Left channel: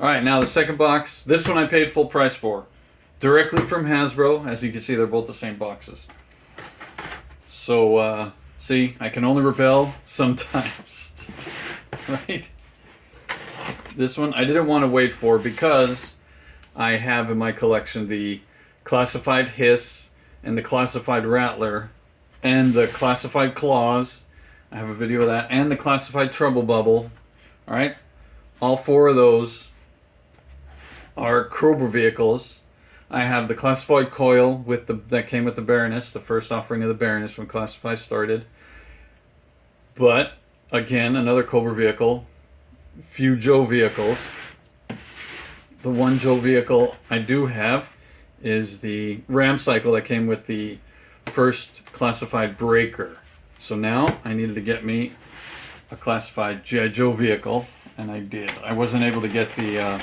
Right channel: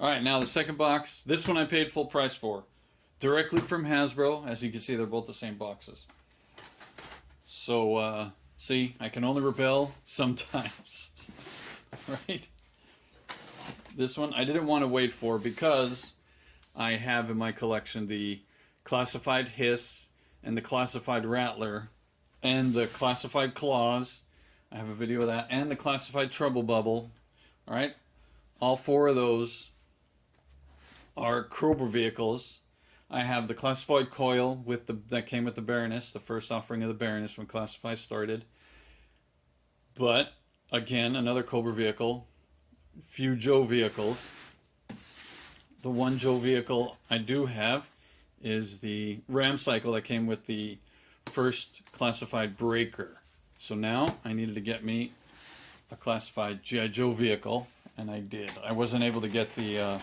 Alright, now the second box. This one I paid full price for. Directly from Hasbro. As you can see, they're both the same boxes. So, see, I can only rebel sometimes. Right? This one I didn't want to wait for because I have in my collection the classified hiss and the classified rattler and the classified claws. I have a video of that, and the classified treble bubble. Alright? All four of those are Cobra vehicles. I have the classified coil with that came with the Baroness, the first offering of the Baroness when Classified started. But again, another Cobra vehicle. Few Joe vehicles. The one Joe vehicle I do have is the Ram Cycle that came with the first classified breaker. So now I needed to get me a classified G.I. Joe vehicle, and I did. I wasn't able to get the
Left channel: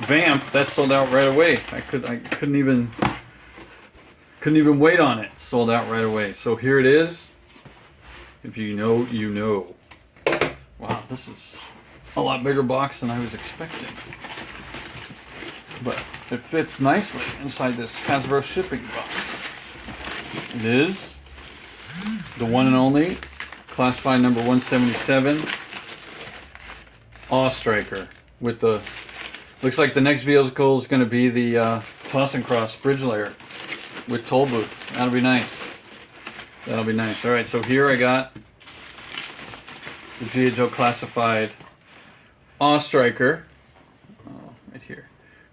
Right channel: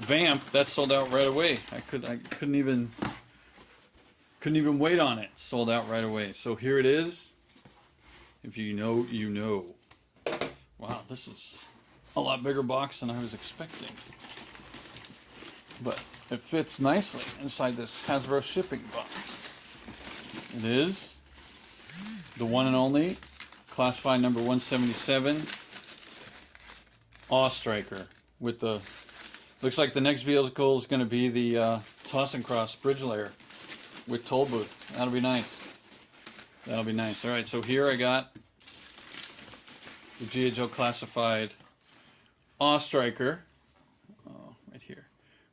Vamp. That sold out right away. I couldn't even wait on it. Sold out right away. So here it is. If you know, you know. Wow, this is a lot bigger box than I was expecting. But it fits nicely inside this Hasbro shipping box. It is the one and only classified number 177 Awe Striker with the, looks like the next vehicle is going to be the Toss and Cross bridge layer with toll booth. That'll be nice. That'll be nice. Alright, so here I got the G.I. Joe classified Awe Striker. Right here.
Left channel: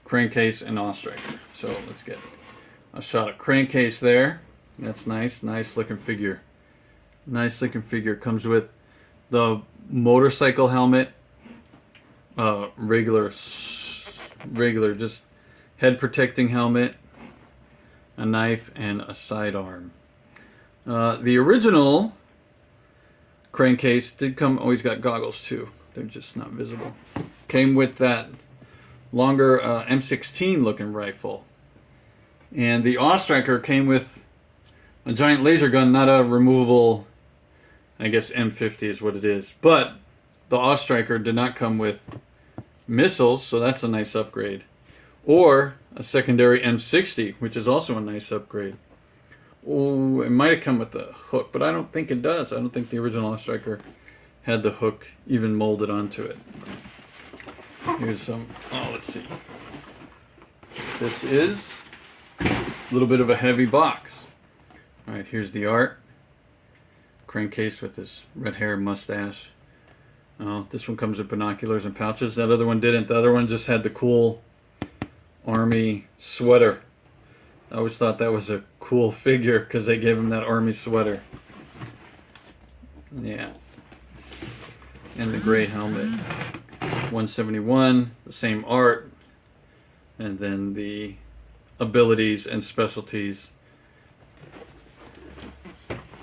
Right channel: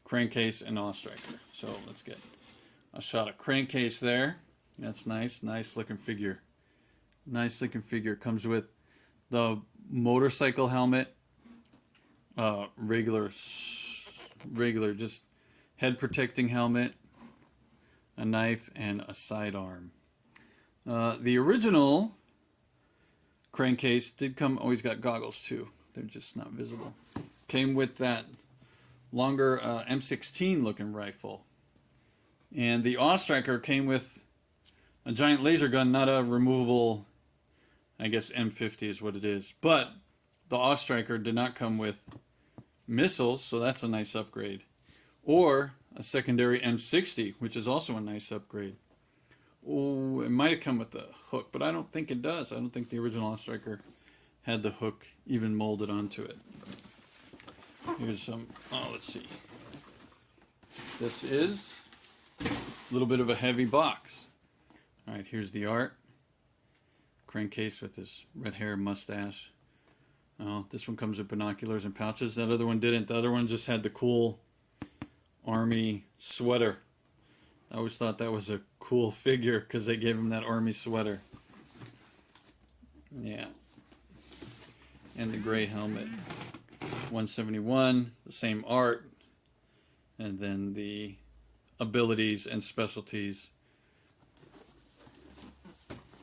Crankcase and Awe Striker. So let's get a shot of Crankcase there. That's nice. Nice looking figure. Nice looking figure. Comes with the motorcycle helmet. Regular just head protecting helmet. A knife and a sidearm. The original Crankcase did come, oh, he's got goggles too. They're just not visible. Came with that longer M16 looking rifle. And the Awe Striker came with a giant laser gun, not a removable, I guess M50 is what it is. But the Awe Striker did not come with missiles, so that's a nice upgrade. Or a secondary M60, which is also a nice upgrade. Oh, it might have come with the hook, but I don't think it does. I don't think the original Awe Striker had the hook even molded onto it. Here's some, oh, let's see. This is a little bit of a heavy box. Alright, here's the art. Crankcase with his red hair and mustache. Oh, this one comes with binoculars and pouches. That other one didn't. The other one just had the cool army sweater. I always thought that was a cool figure because they gave him that army sweater. Yeah. And the gray helmet. 171, the same art. And then the abilities and specialties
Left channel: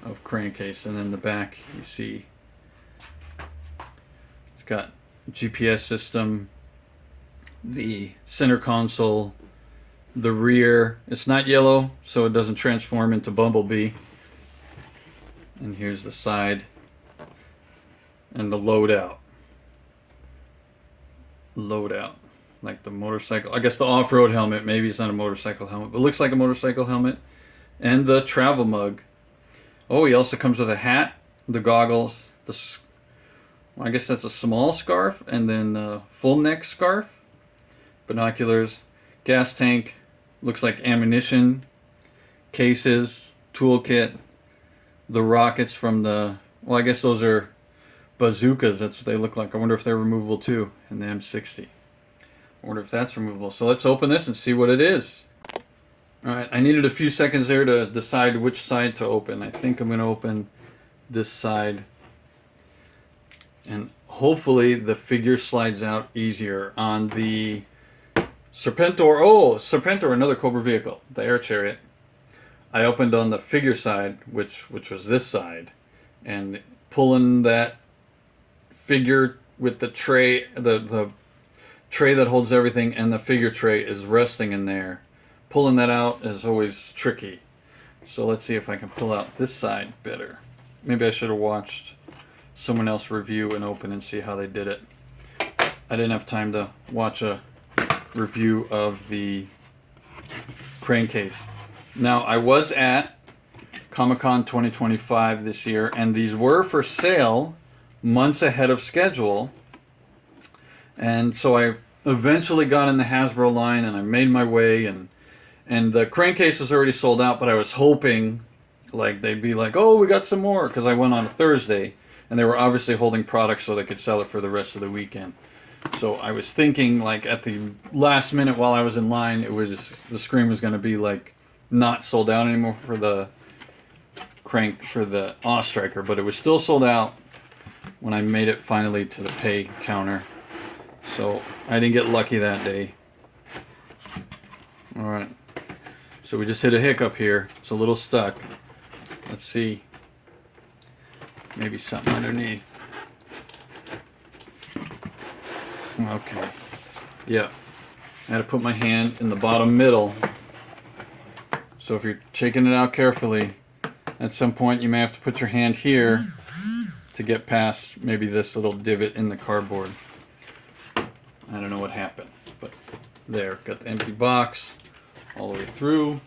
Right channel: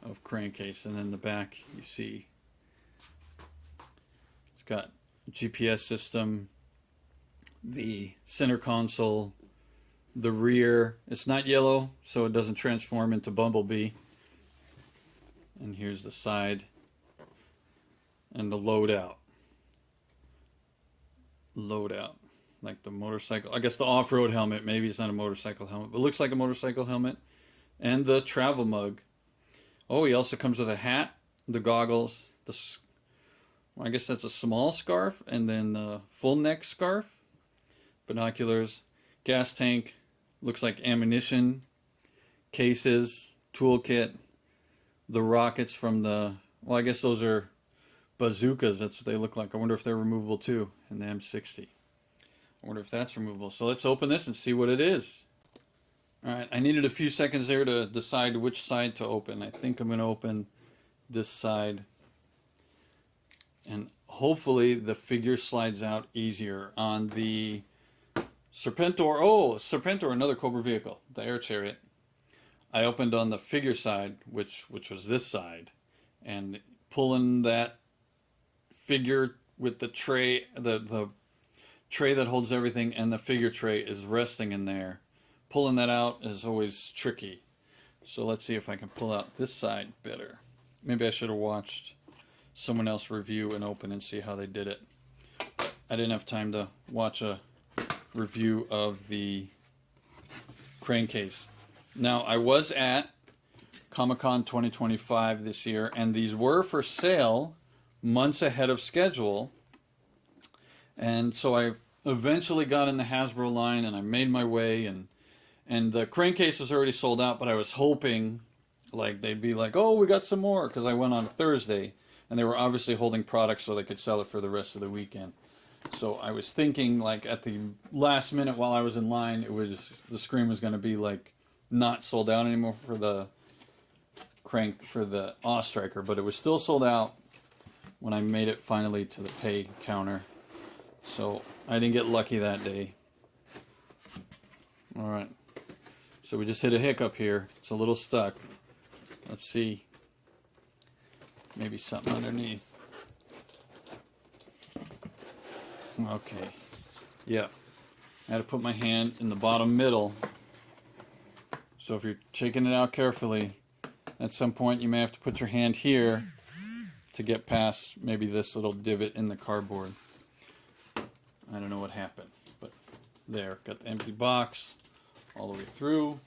of Crankcase. And then the back, you see, it's got GPS system, the center console, the rear. It's not yellow, so it doesn't transform into Bumblebee. And here's the side and the loadout. Loadout, like the motorcycle. I guess the off-road helmet. Maybe it's not a motorcycle helmet, but it looks like a motorcycle helmet. And the travel mug. Oh, he also comes with a hat, the goggles, well, I guess that's a small scarf, and then the full neck scarf, binoculars, gas tank, looks like ammunition, cases, toolkit, the rockets from the, well, I guess those are bazookas. That's what they look like. I wonder if they're removable too, and the M60. I wonder if that's removable. So let's open this and see what it is. Alright, I needed a few seconds there to decide which side to open. I think I'm going to open this side. And hopefully the figure slides out easier. On the Serpentor, oh, Serpentor, another Cobra vehicle, the air chariot. I opened on the figure side, which was this side. And pulling that figure with the tray, the tray that holds everything, and the figure tray is resting in there. Pulling that out is always tricky. So let's see if I can pull out this side better. Maybe I should have watched someone else review and open and see how they did it. I didn't have time to watch a review of the Crankcase. Now, I was at Comic-Con 2025 this year, and these were for sale months ahead of schedule. And so I eventually got in the Hasbro line, and I made my way, and the Crankcase was already sold out, but I was hoping like they'd be like, oh, we got some more, because I went on a Thursday, and they were obviously holding products so they could sell it for the rest of the weekend. So I was thinking, like, at the last minute while I was in line, the screen was going to be like not sold out anymore for the Awe Striker, but it was still sold out when I made it finally to the pay counter. So I didn't get lucky that day. All right. So we just hit a hiccup here. It's a little stuck. Let's see. Maybe something underneath. Okay. Yeah. I had to put my hand in the bottom middle. So if you're shaking it out carefully, at some point you may have to put your hand here to get past maybe this little divot in the cardboard. I don't know what happened, but there. Got the empty box all the way through.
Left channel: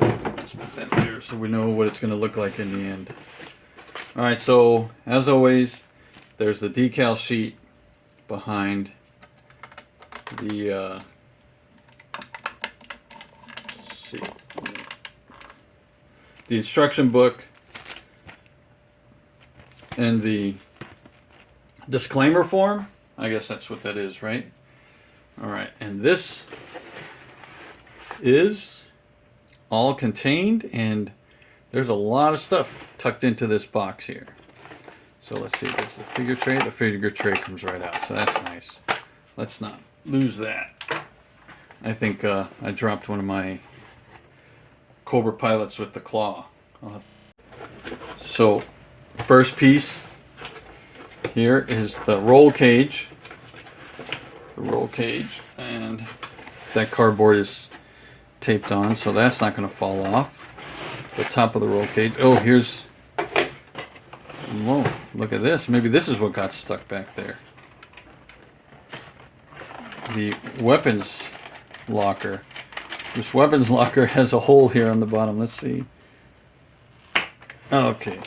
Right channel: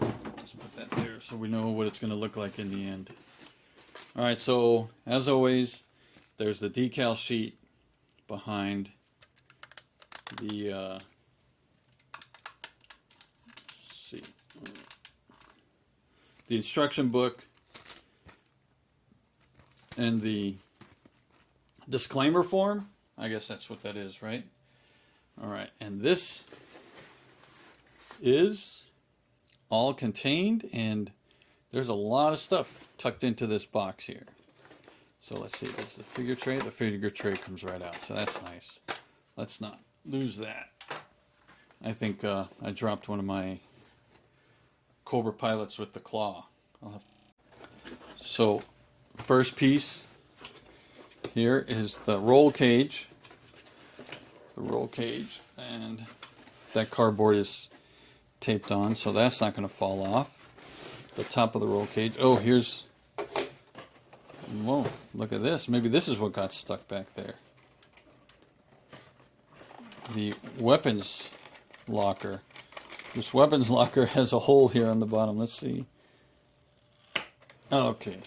Let's put that there so we know what it's going to look like in the end. Alright, so as always, there's the decal sheet behind the let's see, the instruction book and the disclaimer form. I guess that's what that is, right? Alright, and this is all contained, and there's a lot of stuff tucked into this box here. So let's see, this is the figure tray. The figure tray comes right out, so that's nice. Let's not lose that. I think I dropped one of my Cobra pilots with the claw. So, first piece here is the roll cage. The roll cage, and that cardboard is taped on, so that's not going to fall off. The top of the roll cage. Oh, here's... Whoa, look at this. Maybe this is what got stuck back there. The weapons locker. This weapons locker has a hole here on the bottom. Let's see. Okay.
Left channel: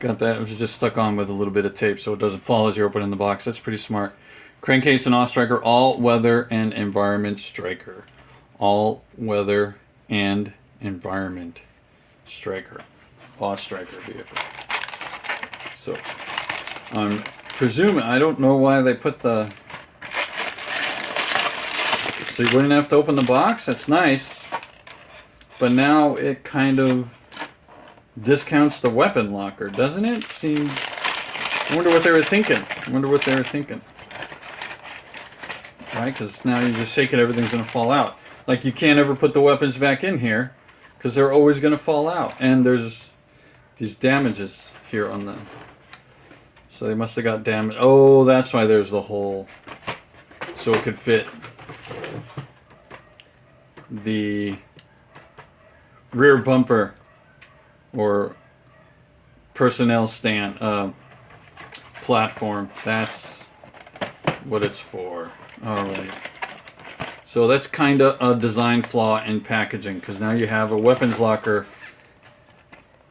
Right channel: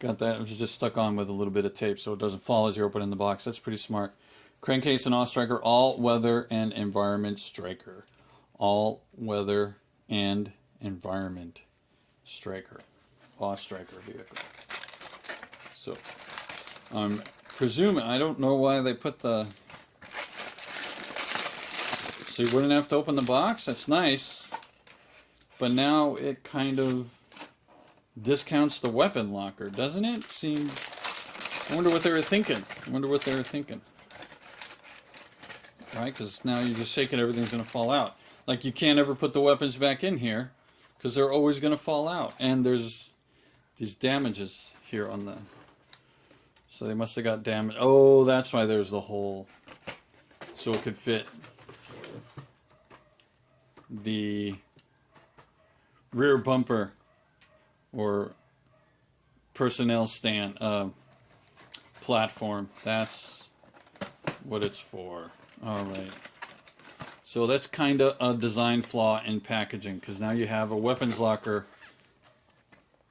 Got that. It was just stuck on with a little bit of tape so it doesn't fall as you're opening the box. That's pretty smart. Crankcase and Awe Striker, all weather and environment striker. All weather and environment striker. Awe Striker vehicle. So, I'm presuming, I don't know why they put the... So you wouldn't have to open the box? That's nice. But now it kind of discounts the weapon locker, doesn't it? Seems... I wonder what they were thinking. Right, because now you just shake it, everything's going to fall out. Like, you can't ever put the weapons back in here, because they're always going to fall out. And there's these damages here on the... So they must have got damaged. Oh, that's why there's the hole. So it could fit the rear bumper or personnel stand platform. That's what it's for. Alright. So that's kind of a design flaw in packaging, because now you have a weapons locker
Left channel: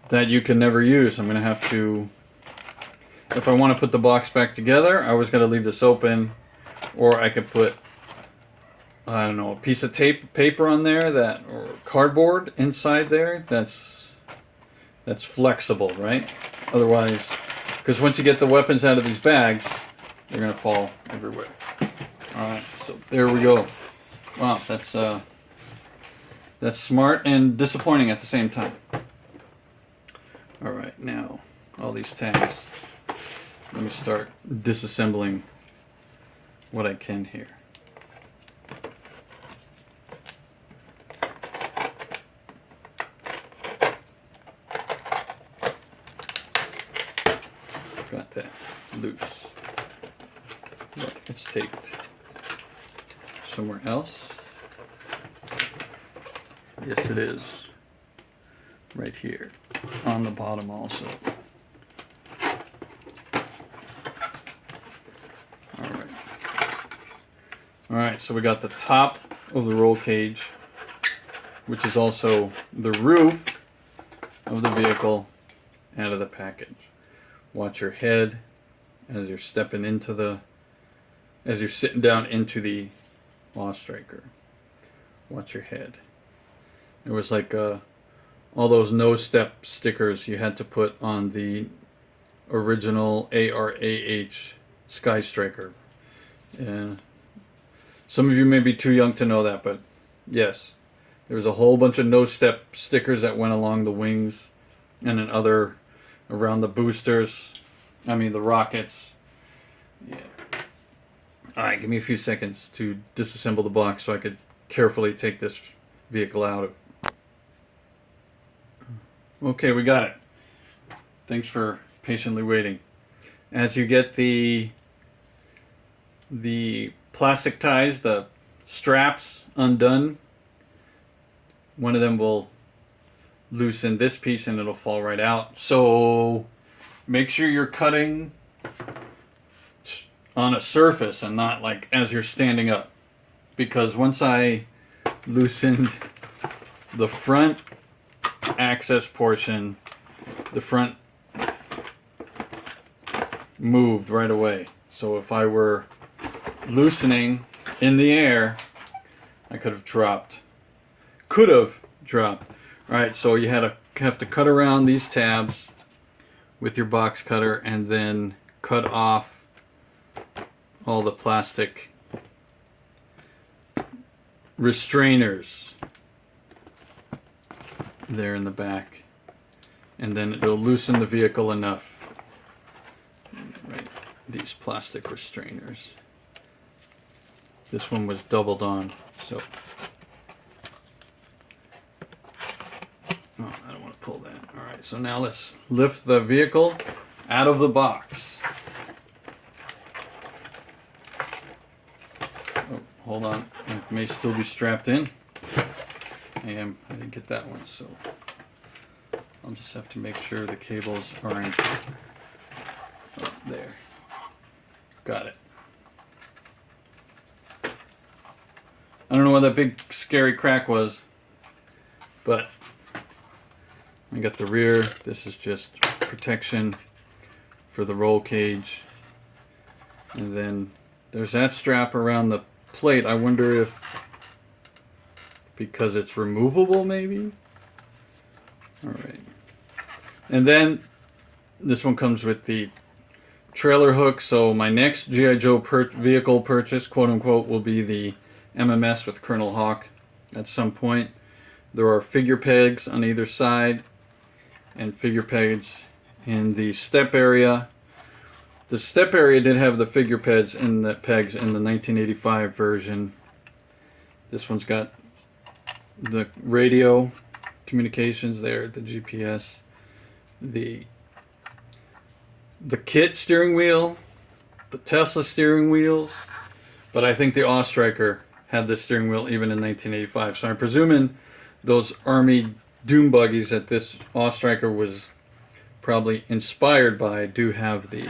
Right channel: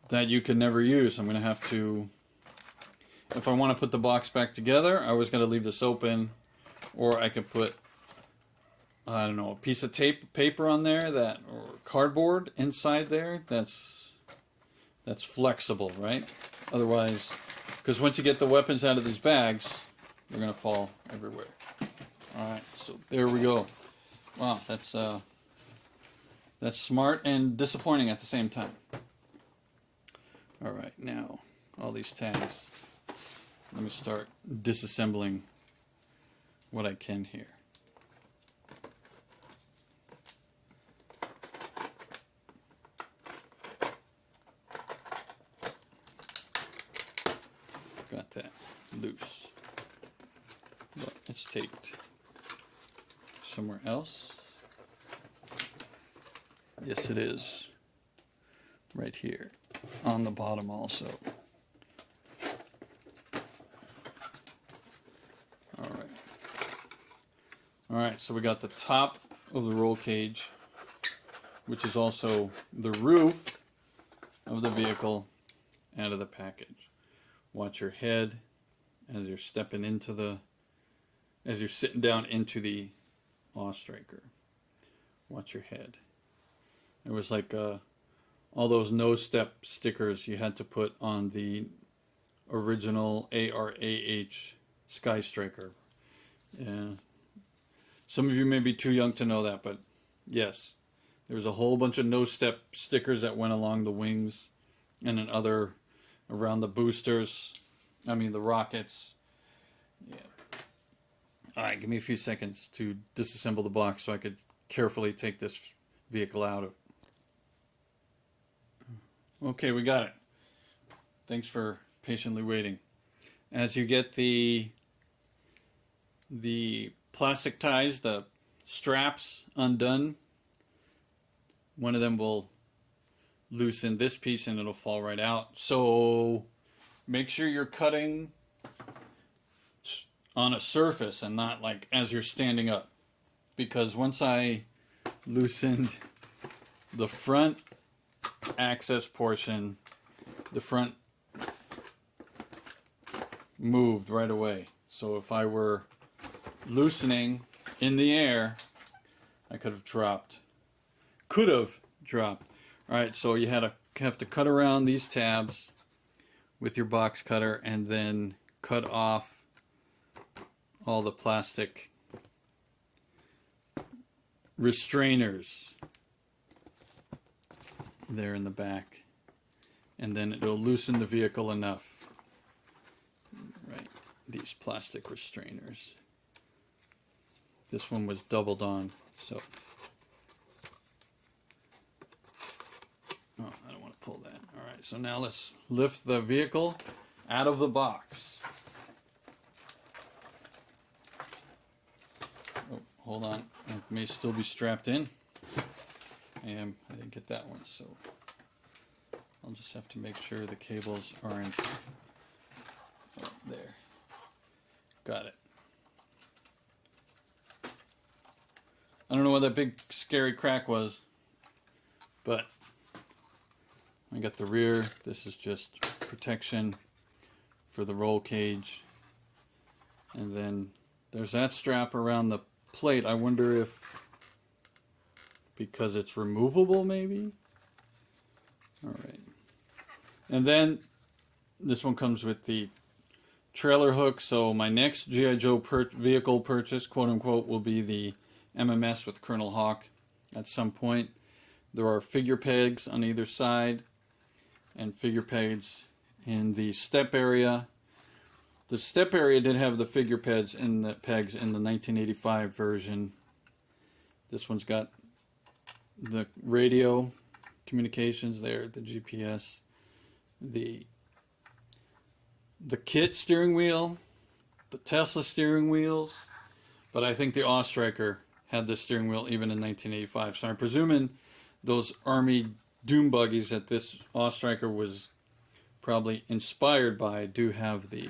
that you can never use. I'm going to have to... If I want to put the box back together, I always got to leave this open, or I could put, I don't know, a piece of paper on there, or cardboard inside there. That's flexible, right? Otherwise, because once you get the weapons out of these bags, they're gonna fall everywhere. All right, so there we go. Wow, that's smart and disappointing at the same time. All right, now all these tags. Let me start disassembling what I can here. Got that loose. But it's taped somewhere else. Yes, it is. Right here on the bottom also. Alright, so we got the top of the roll cage, which is also the roof of the vehicle, out of the package. Watch your head as you're stepping into the, as you're sitting down into the Law Striker. Watch your head. It was like all those no step stickers you had to put on the original ARAH Sky Striker. Yeah. Some of you may be too young to know that, but yes, there was a whole bunch of no step stickers that went along the wings and then other around the boosters. I mean the rockets. Yeah. Alright, give me a few seconds to disassemble the box so I could carefully take this vehicle out of. Okay, we got it. Thanks for patiently waiting. As you get the plastic ties, the straps undone, one of them will loosen this piece and it'll fall right out. So make sure you're cutting on a surface and not like as you're standing up, because once I loosened the front access portion, the front moved right away. So if I were loosening in the air, I could have dropped. Alright, so you have to cut around these tabs with your box cutter and then cut off all the plastic restrainers there in the back, and then it'll loosen the vehicle enough. Right, these plastic restrainers. This one was doubled on, so oh, I don't want to pull that. Alright, so now let's lift the vehicle out of the box. Oh, hold on, it may still be strapped in. I didn't get that one, so I'll just have to make sure the cables are in. Oh, there. Got it. I don't know what that big scary crack was, but I got the rear. This is just protection for the roll cage. And then there's that strap around the plate. I wonder if because it's removable, maybe? Alright. And then this one comes with the trailer hook. So my next G.I. Joe vehicle purchase, quote unquote, will be the MMS with Colonel Hawk at some point. There are figure pegs on either side and figure pegs in the step area. The step area did have the figure pegs in the 1985 version. This one's got the radio communications there, the GPS, the K.I.T.T steering wheel, the Tesla steering wheels, but I think the Awe Striker had this steering wheel even in 1985. So I'm presuming those Army Dune Buggies that this Awe Striker was probably inspired by do have the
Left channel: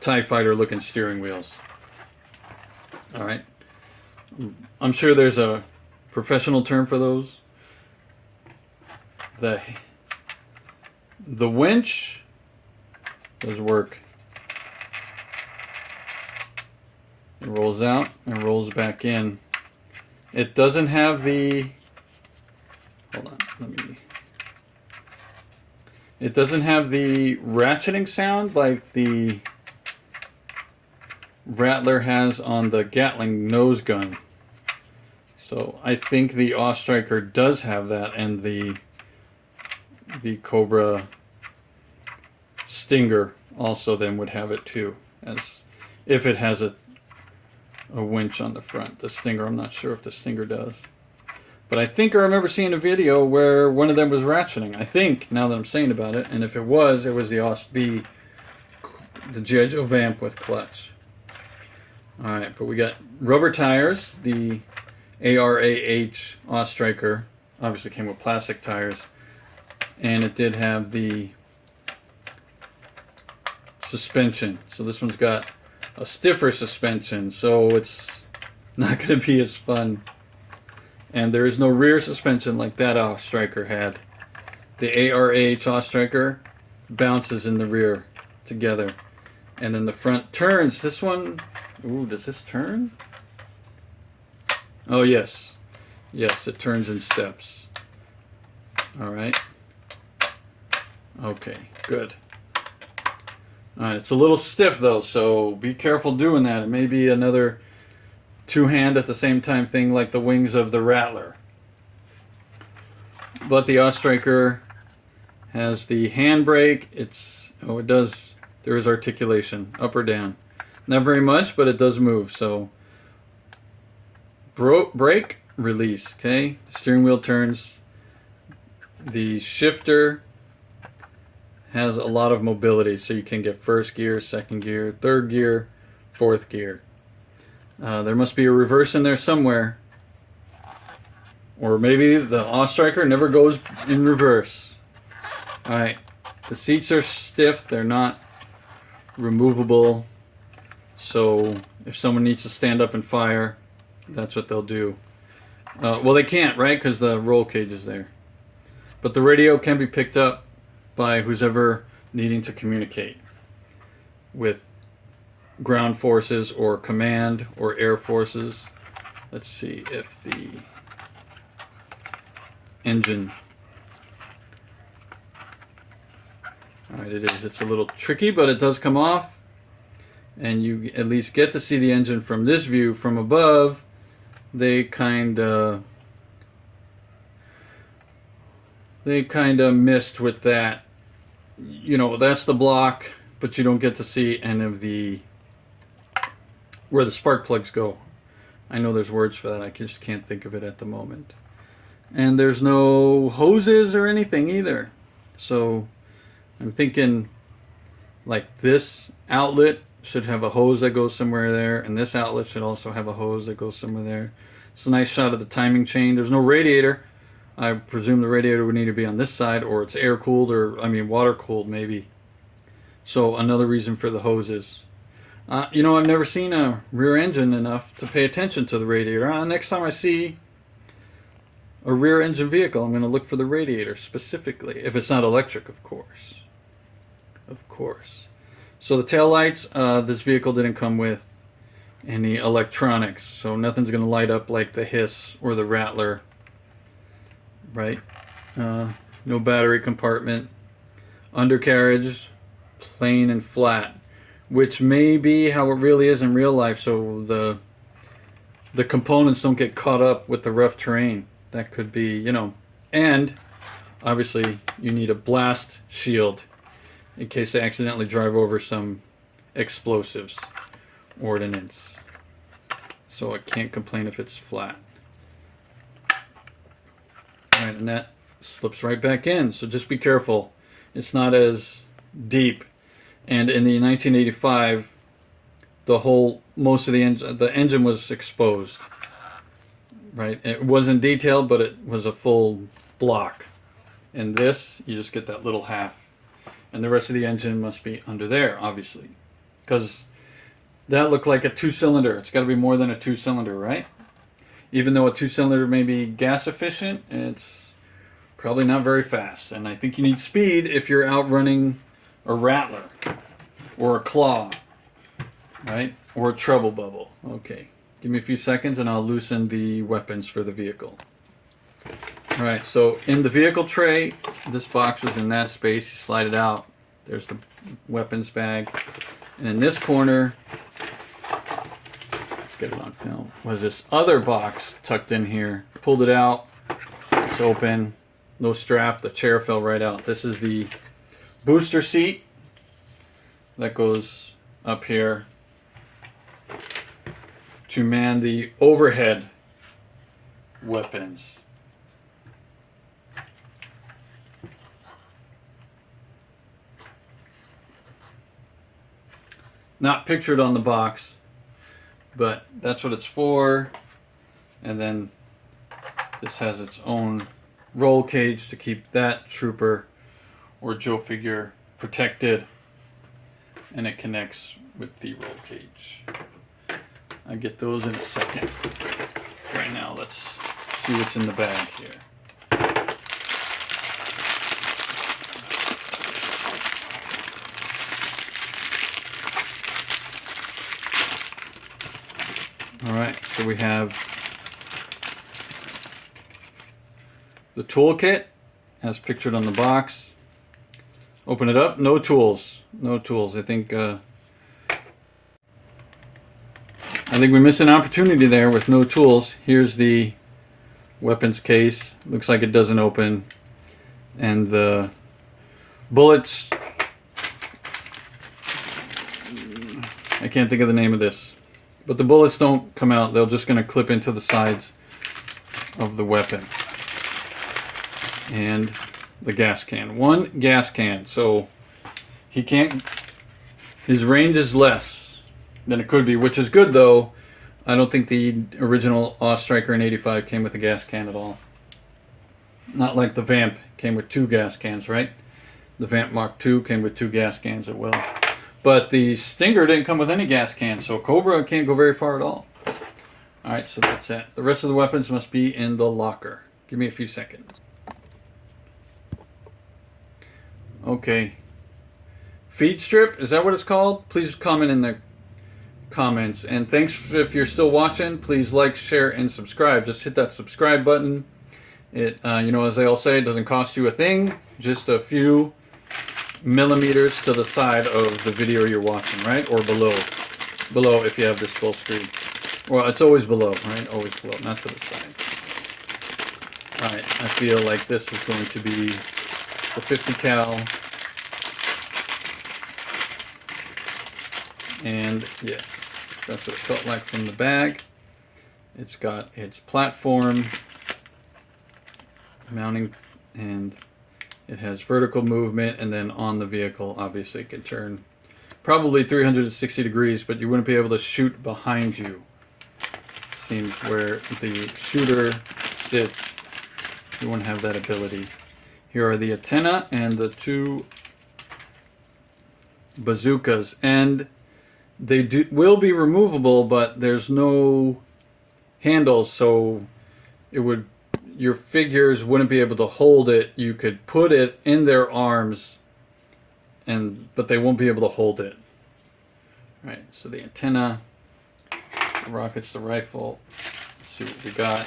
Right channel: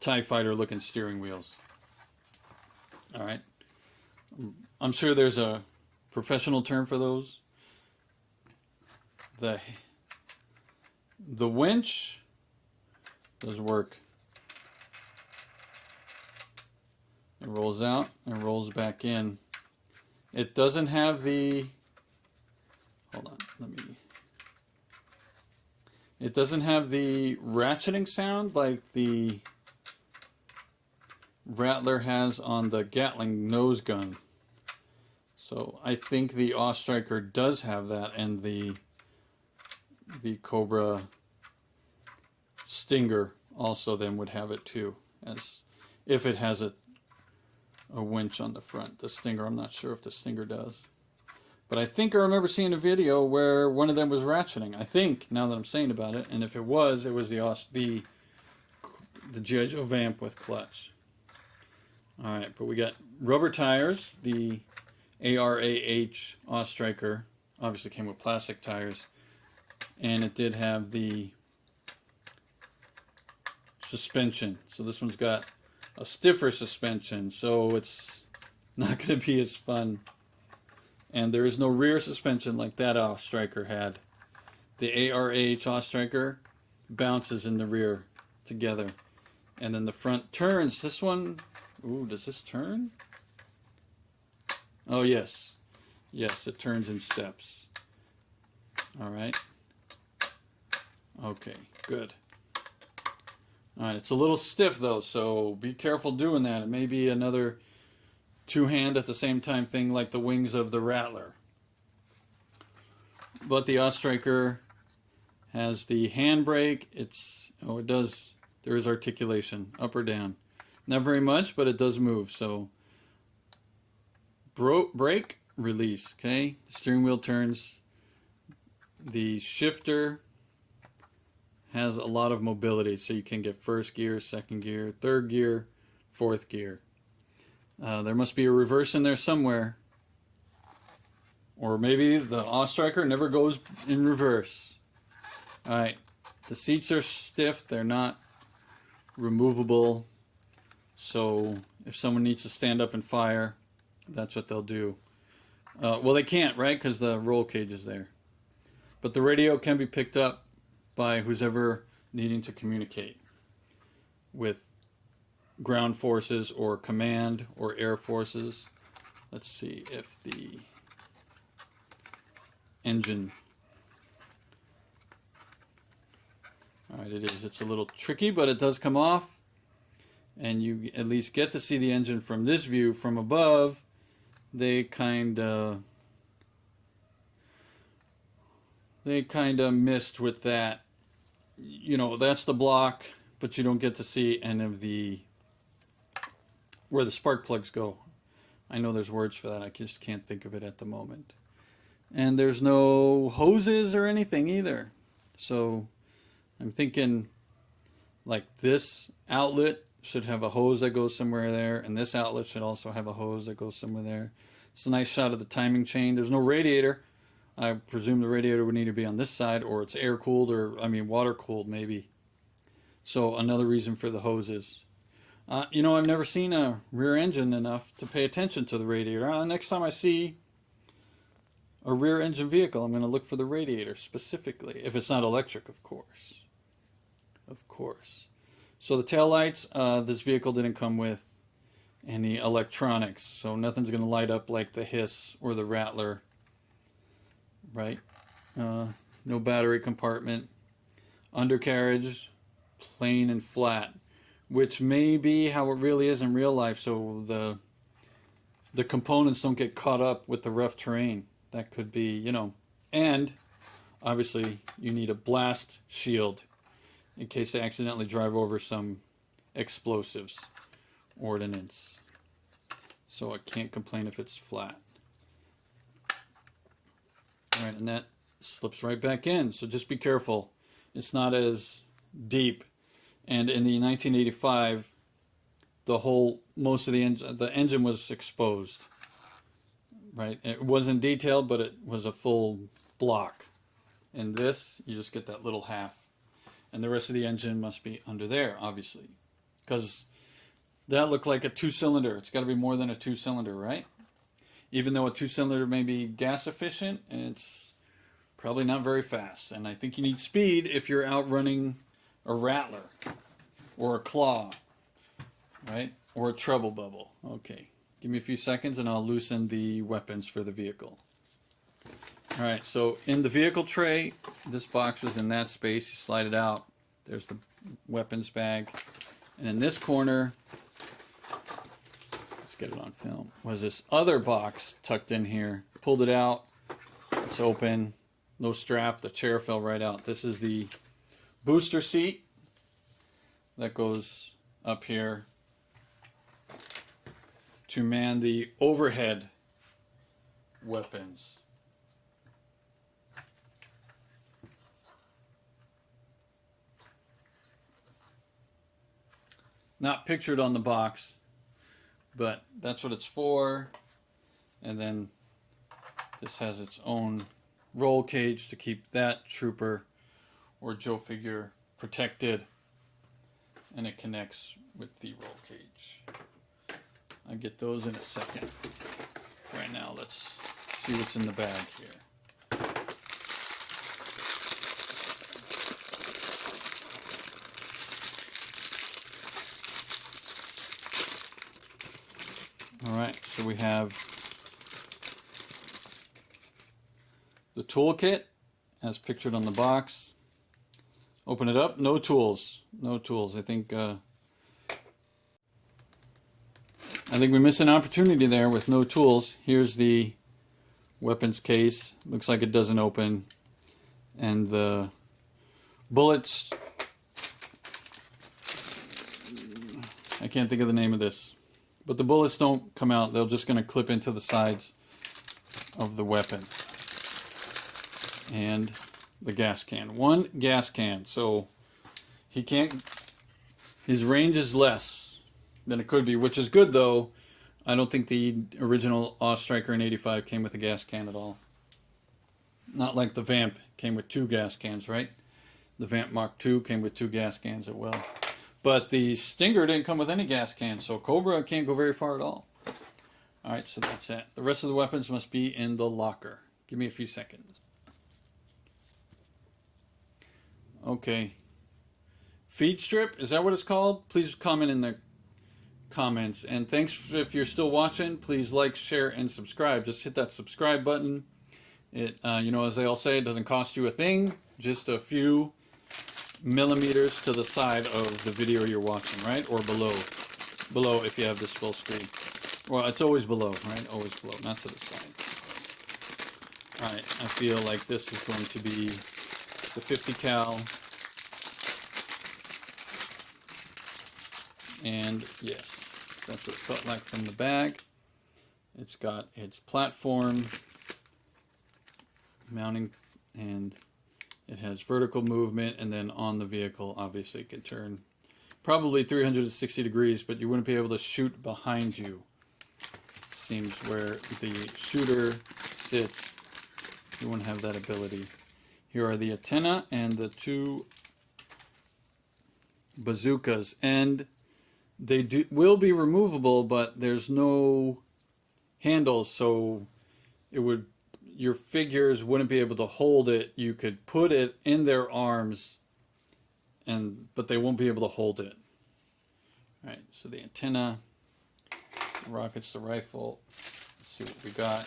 TIE Fighter looking steering wheels. Alright. I'm sure there's a professional term for those. The winch does work. It rolls out and rolls back in. It doesn't have the... Hold on, It doesn't have the ratcheting sound like the Rattler has on the Gatling nose gun. So I think the Awe Striker does have that, and the Cobra Stinger also then would have it too, as if it has a winch on the front. The Stinger, I'm not sure if the Stinger does. But I think I remember seeing a video where one of them was ratcheting. I think, now that I'm saying about it, and if it was the G.I. Joe Vamp with clutch. Alright, but we got rubber tires. The ARAH Awe Striker obviously came with plastic tires, and it did have the suspension. So this one's got a stiffer suspension, so it's not going to be as fun. And there is no rear suspension like that Striker had. The ARAH Striker bounces in the rear together. And then the front turns. This one, ooh, does this turn? Oh, yes. Yes, it turns in steps. All right. Okay, good. All right, it's a little stiff though, so be careful doing that. It may be another two-hand at the same time thing like the wings of the Rattler. But the Striker has the handbrake. It does, there is articulation, up or down. Not very much, but it does move, so brake, release, okay? The steering wheel turns. The shifter has a lot of mobility, so you can get first gear, second gear, third gear, fourth gear. There must be a reverse in there somewhere. Or maybe the Striker never goes in reverse. Alright, the seats are stiff, they're not removable. So if someone needs to stand up and fire, that's what they'll do. Well, they can't, right? Because the roll cage is there. But the radio can be picked up by who's ever needing to communicate with ground forces or command or air forces. Let's see if the engine. Alright, it is. It's a little tricky, but it does come off. And you at least get to see the engine from this view. From above, they kind of missed with that. You know, that's the block, but you don't get to see any of where the spark plugs go. I know there's words for that. I just can't think of it at the moment. And there's no hoses or anything either. So I'm thinking like this outlet should have a hose that goes somewhere there, and this outlet should also have a hose that goes somewhere there. It's a nice shot of the timing chain. There's no radiator. I presume the radiator would need to be on this side, or it's air cooled, or I mean water cooled maybe. So another reason for the hoses. You know, I've never seen a rear engine enough to pay attention to the radiator. Next time I see a rear engine vehicle, I'm going to look for the radiator specifically. If it's not electric, of course. Of course. So the taillights, this vehicle didn't come with any electronics, so nothing's going to light up like the Hiss or the Rattler. Right? No battery compartment. Undercarriage, plain and flat, which may be how it really is in real life, so the components don't get caught up with the rough terrain. That could be, you know. And obviously you need a blast shield in case they accidentally drive over some explosives, ordnance. So I can't complain if it's flat. Alright, and that slips right back in, so just be careful. It's not as deep. And in the 1985, most of the engine was exposed. Right? It wasn't detailed, but it was a full block. And this, you just get that little half. And the rest of the engine must be under there, obviously. Because that looked like a two-cylinder. It's got to be more than a two-cylinder, right? Even though a two-cylinder may be gas efficient, it's probably not very fast. And I think you need speed if you're outrunning a Rattler or a Claw, right? Or a Treble Bubble. Okay. Give me a few seconds and I'll loosen the weapons for the vehicle. Alright, so in the vehicle tray, this box was in that space. You slide it out. There's the weapons bag. And in this corner, let's get it on film, was this other box tucked in here. Pulled it out. It's open. No strap. The chair fell right out. This is the booster seat that goes up here to man the overhead weapons. Not pictured on the box, but that's what it's for. And then this has its own roll cage to keep that trooper or Joe figure protected. and it connects with the roll cage. I get those in a second. Right now, let's see what's in the bag here. All right, so we have the toolkit as pictured on the box. Open it up, no tools, no tools. I think we missed an opportunity there with no tools. Here's the weapons case. Looks like it doesn't open. And the bullets, I can't think of the name of this, but the bullets don't come out. They're just going to clip into the sides of the weapon. And the gas can. One gas can, so he can't, his range is less than it could be, which is good though. I don't think the original Striker in 85 came with a gas can at all. Not like the Vamp came with 2 gas cans, right? The Vamp Mark II came with 2 gas cans as well. But the Stinger didn't come with any gas cans, so Cobra can't go very far at all. Alright, so that's it. The rest of the weapons must be in the locker. Give me a few seconds. Okay. Feed strip, is that what it's called? Please comment in the comments. And thanks if you're still watching. Please like, share, and subscribe. Just hit that subscribe button. It, you know, as they all say, it doesn't cost you a thing. Just a few millimeters to the side of the video you're watching, right? Or below. Below if you have this full screen. Well, it's always below, right? Always below, not to the side. Alright, I feel like this is going to be the 50 cal. And yes, that's what it felt like from the bag. It's got its platform mounting, and it has vertical movement, and then on the vehicle obviously it can turn probably 360 degrees, but you wouldn't be able to shoot behind you. Seems where the shooter sits, you won't have that ability. Here are the antenna and the 2 bazookas, and they will be removable, but there's no handles, so it would, your figures wouldn't be able to hold it. You could put it in their arms, but they won't be able to hold it. All right, so the antenna, the rockets, the rifle. Let's see what we got.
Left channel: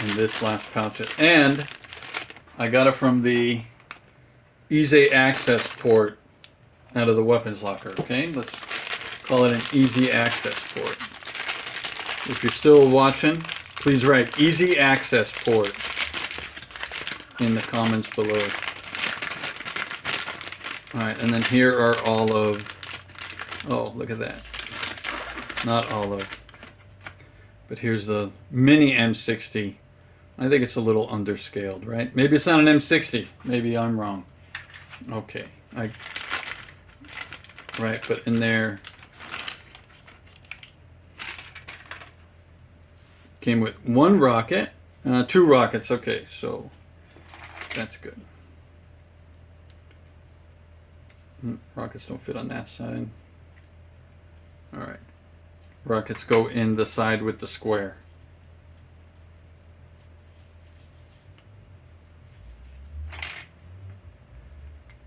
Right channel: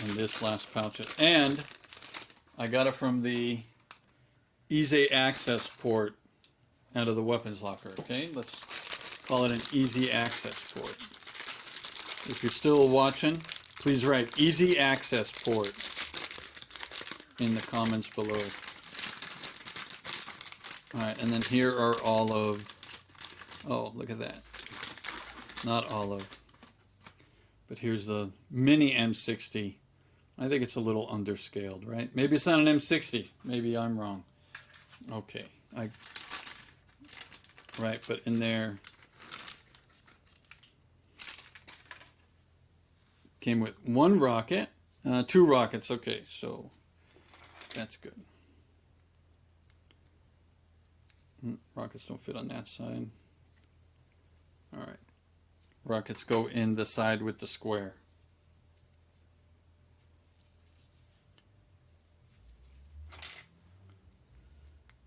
And this last pouch. And I got it from the easy access port out of the weapons locker. Okay, let's call it an easy access port. If you're still watching, please write easy access port in the comments below. Alright, and then here are all of, oh, look at that. Not all of, but here's the mini M60. I think it's a little underscaled, right? Maybe it's not an M60. Maybe I'm wrong. Okay, right, but in there came with 1 rocket, 2 rockets. Okay, so that's good. Rockets don't fit on that side. All right, rockets go in the side with the square.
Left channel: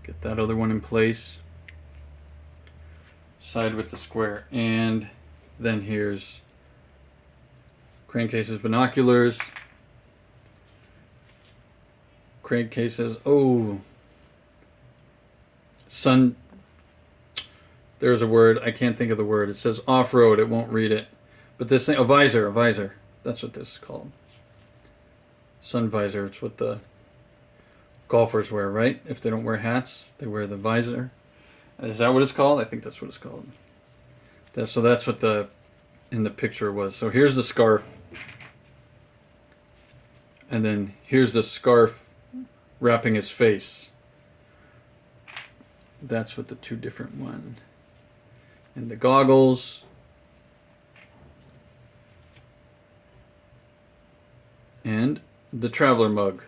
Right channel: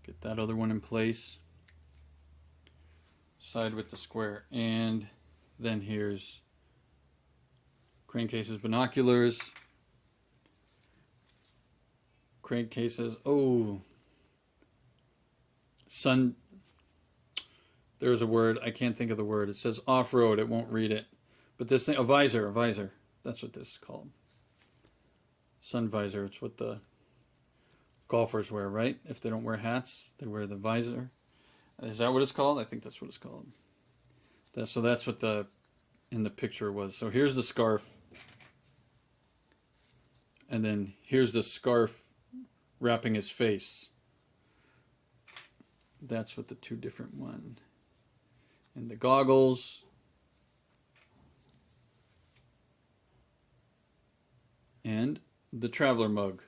Get that other one in place. Side with the square. And then here's Crankcase's binoculars. Crankcases. Oh. Sun. There's a word. I can't think of the word. It says off-road. It won't read it. But this thing, a visor. A visor. That's what this is called. Sun visor. It's what the golfers wear, right? If they don't wear hats, they wear the visor. Is that what it's called? I think that's what it's called. So that's what the in the picture was. So here's the scarf. And then here's the scarf wrapping his face. That's what the 2 different ones. And the goggles. And the traveler mug.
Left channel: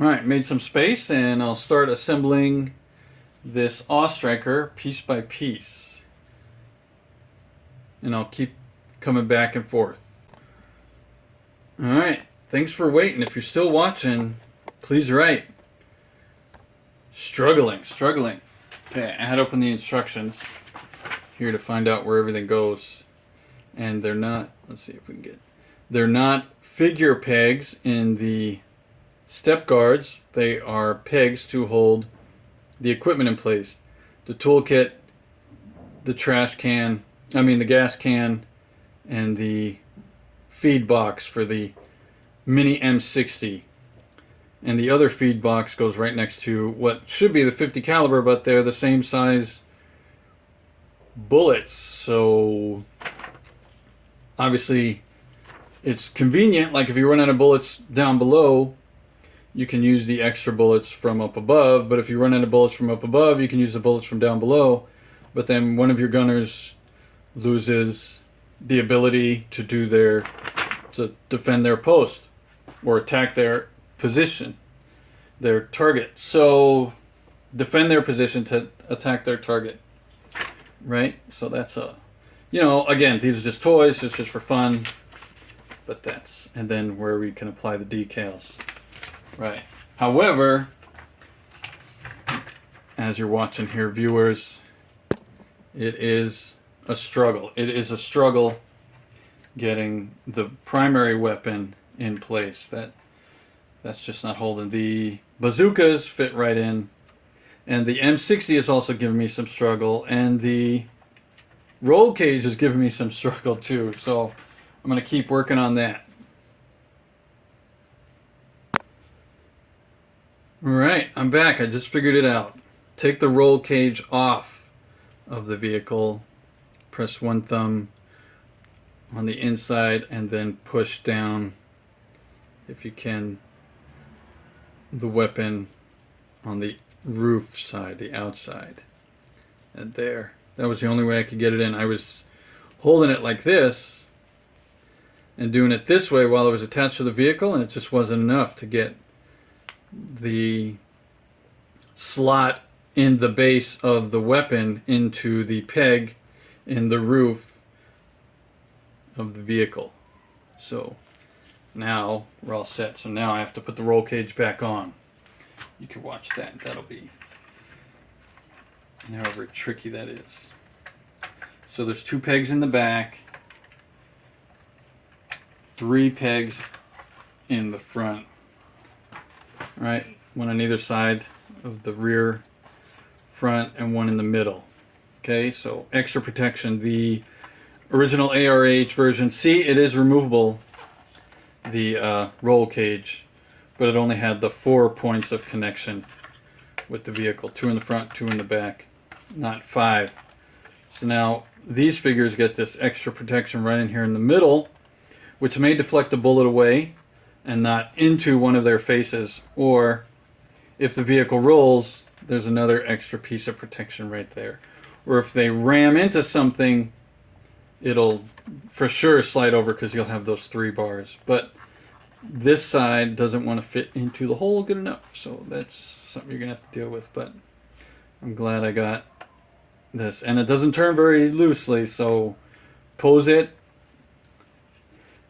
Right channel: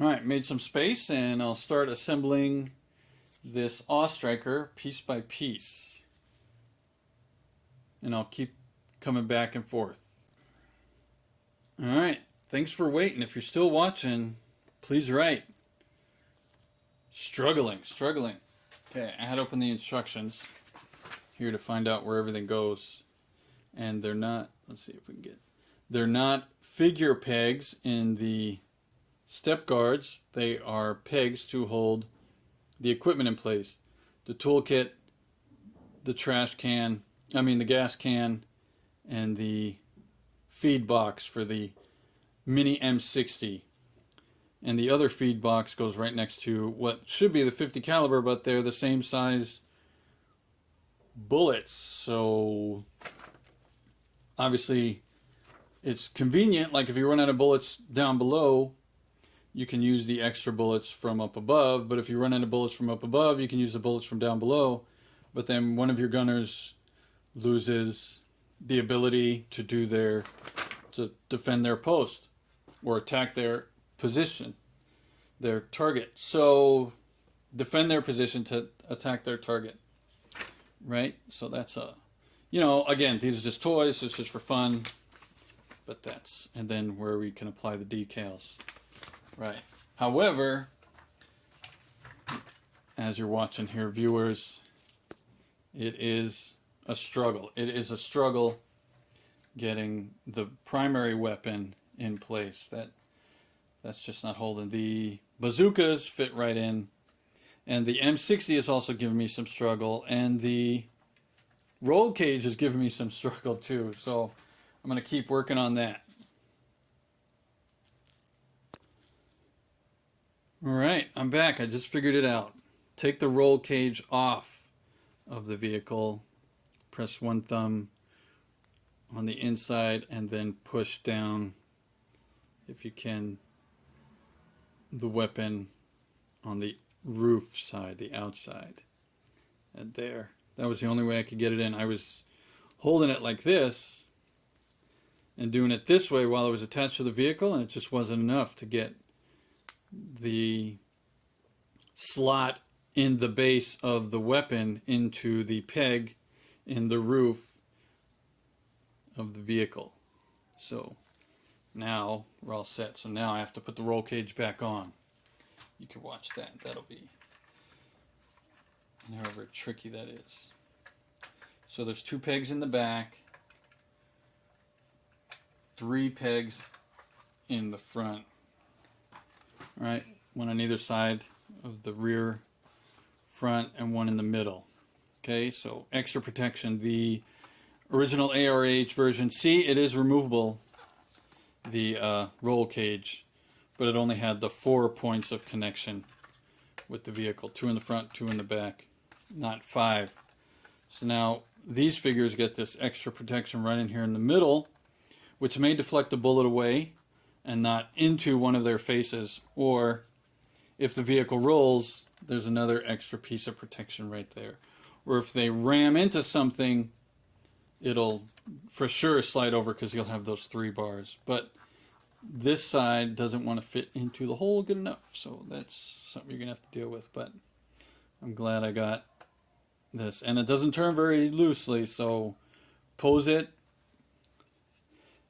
Alright, made some space, and I'll start assembling this Awe-Striker piece by piece. And I'll keep coming back and forth. Alright, thanks for waiting. If you're still watching, please write. Struggling. Okay, I had opened the instructions here to find out where everything goes. And they're not, let's see if we can get, they're not figure pegs in the step guards. They are pegs to hold the equipment in place. The toolkit, the trash can, the gas can, and the feed box for the mini M60. And the other feed box goes right next to what should be the 50 caliber, but they're the same size bullets. So obviously it's convenient. Like if you run out of bullets down below, you can use the extra bullets from up above. But if you run out of bullets from up above, you can use the bullets from down below. But then one of your gunners loses the ability to defend their post or attack their position, their target. So defend their position to attack their target, right? So that's again, these are just toys. It's just for fun. But and then where we can apply the decals. Right. However, as you're watching here, viewers, it is a struggle. It is a struggle getting the primary weapon in place. That's just not holding. The bazookas fit right in. And the M60 is also giving me some struggle. And the roll cage is giving me some struggle too. So I'm going to keep working on that. Alright, I'm back. I just figured it out. Take the roll cage off of the vehicle. Press one thumb on the inside and then push down, if you can, the weapon on the roof side, the outside. And there. That was the only way I could get it in. I was holding it like this and doing it this way while it was attached to the vehicle, and it just wasn't enough to get the slot in the base of the weapon into the peg in the roof of the vehicle. So now we're all set. So now I have to put the roll cage back on. You can watch that. That'll be however tricky that is. So there's 2 pegs in the back, 3 pegs in the front. Right, one on either side of the rear, front, and one in the middle. Okay, so extra protection. The original ARH version, see, it is removable, the roll cage, but it only had the 4 points of connection with the vehicle. 2 in the front, 2 in the back, not 5. So now these figures get this extra protection right in here in the middle, which may deflect a bullet away and not into one of their faces, or if the vehicle rolls, there's another extra piece of protection right there. Or if they ram into something, it'll for sure slide over because you'll have those 3 bars. But this side doesn't want to fit into the hole good enough, so that's something you're gonna have to deal with. But I'm glad I got this, and it doesn't turn very loosely, so pose it,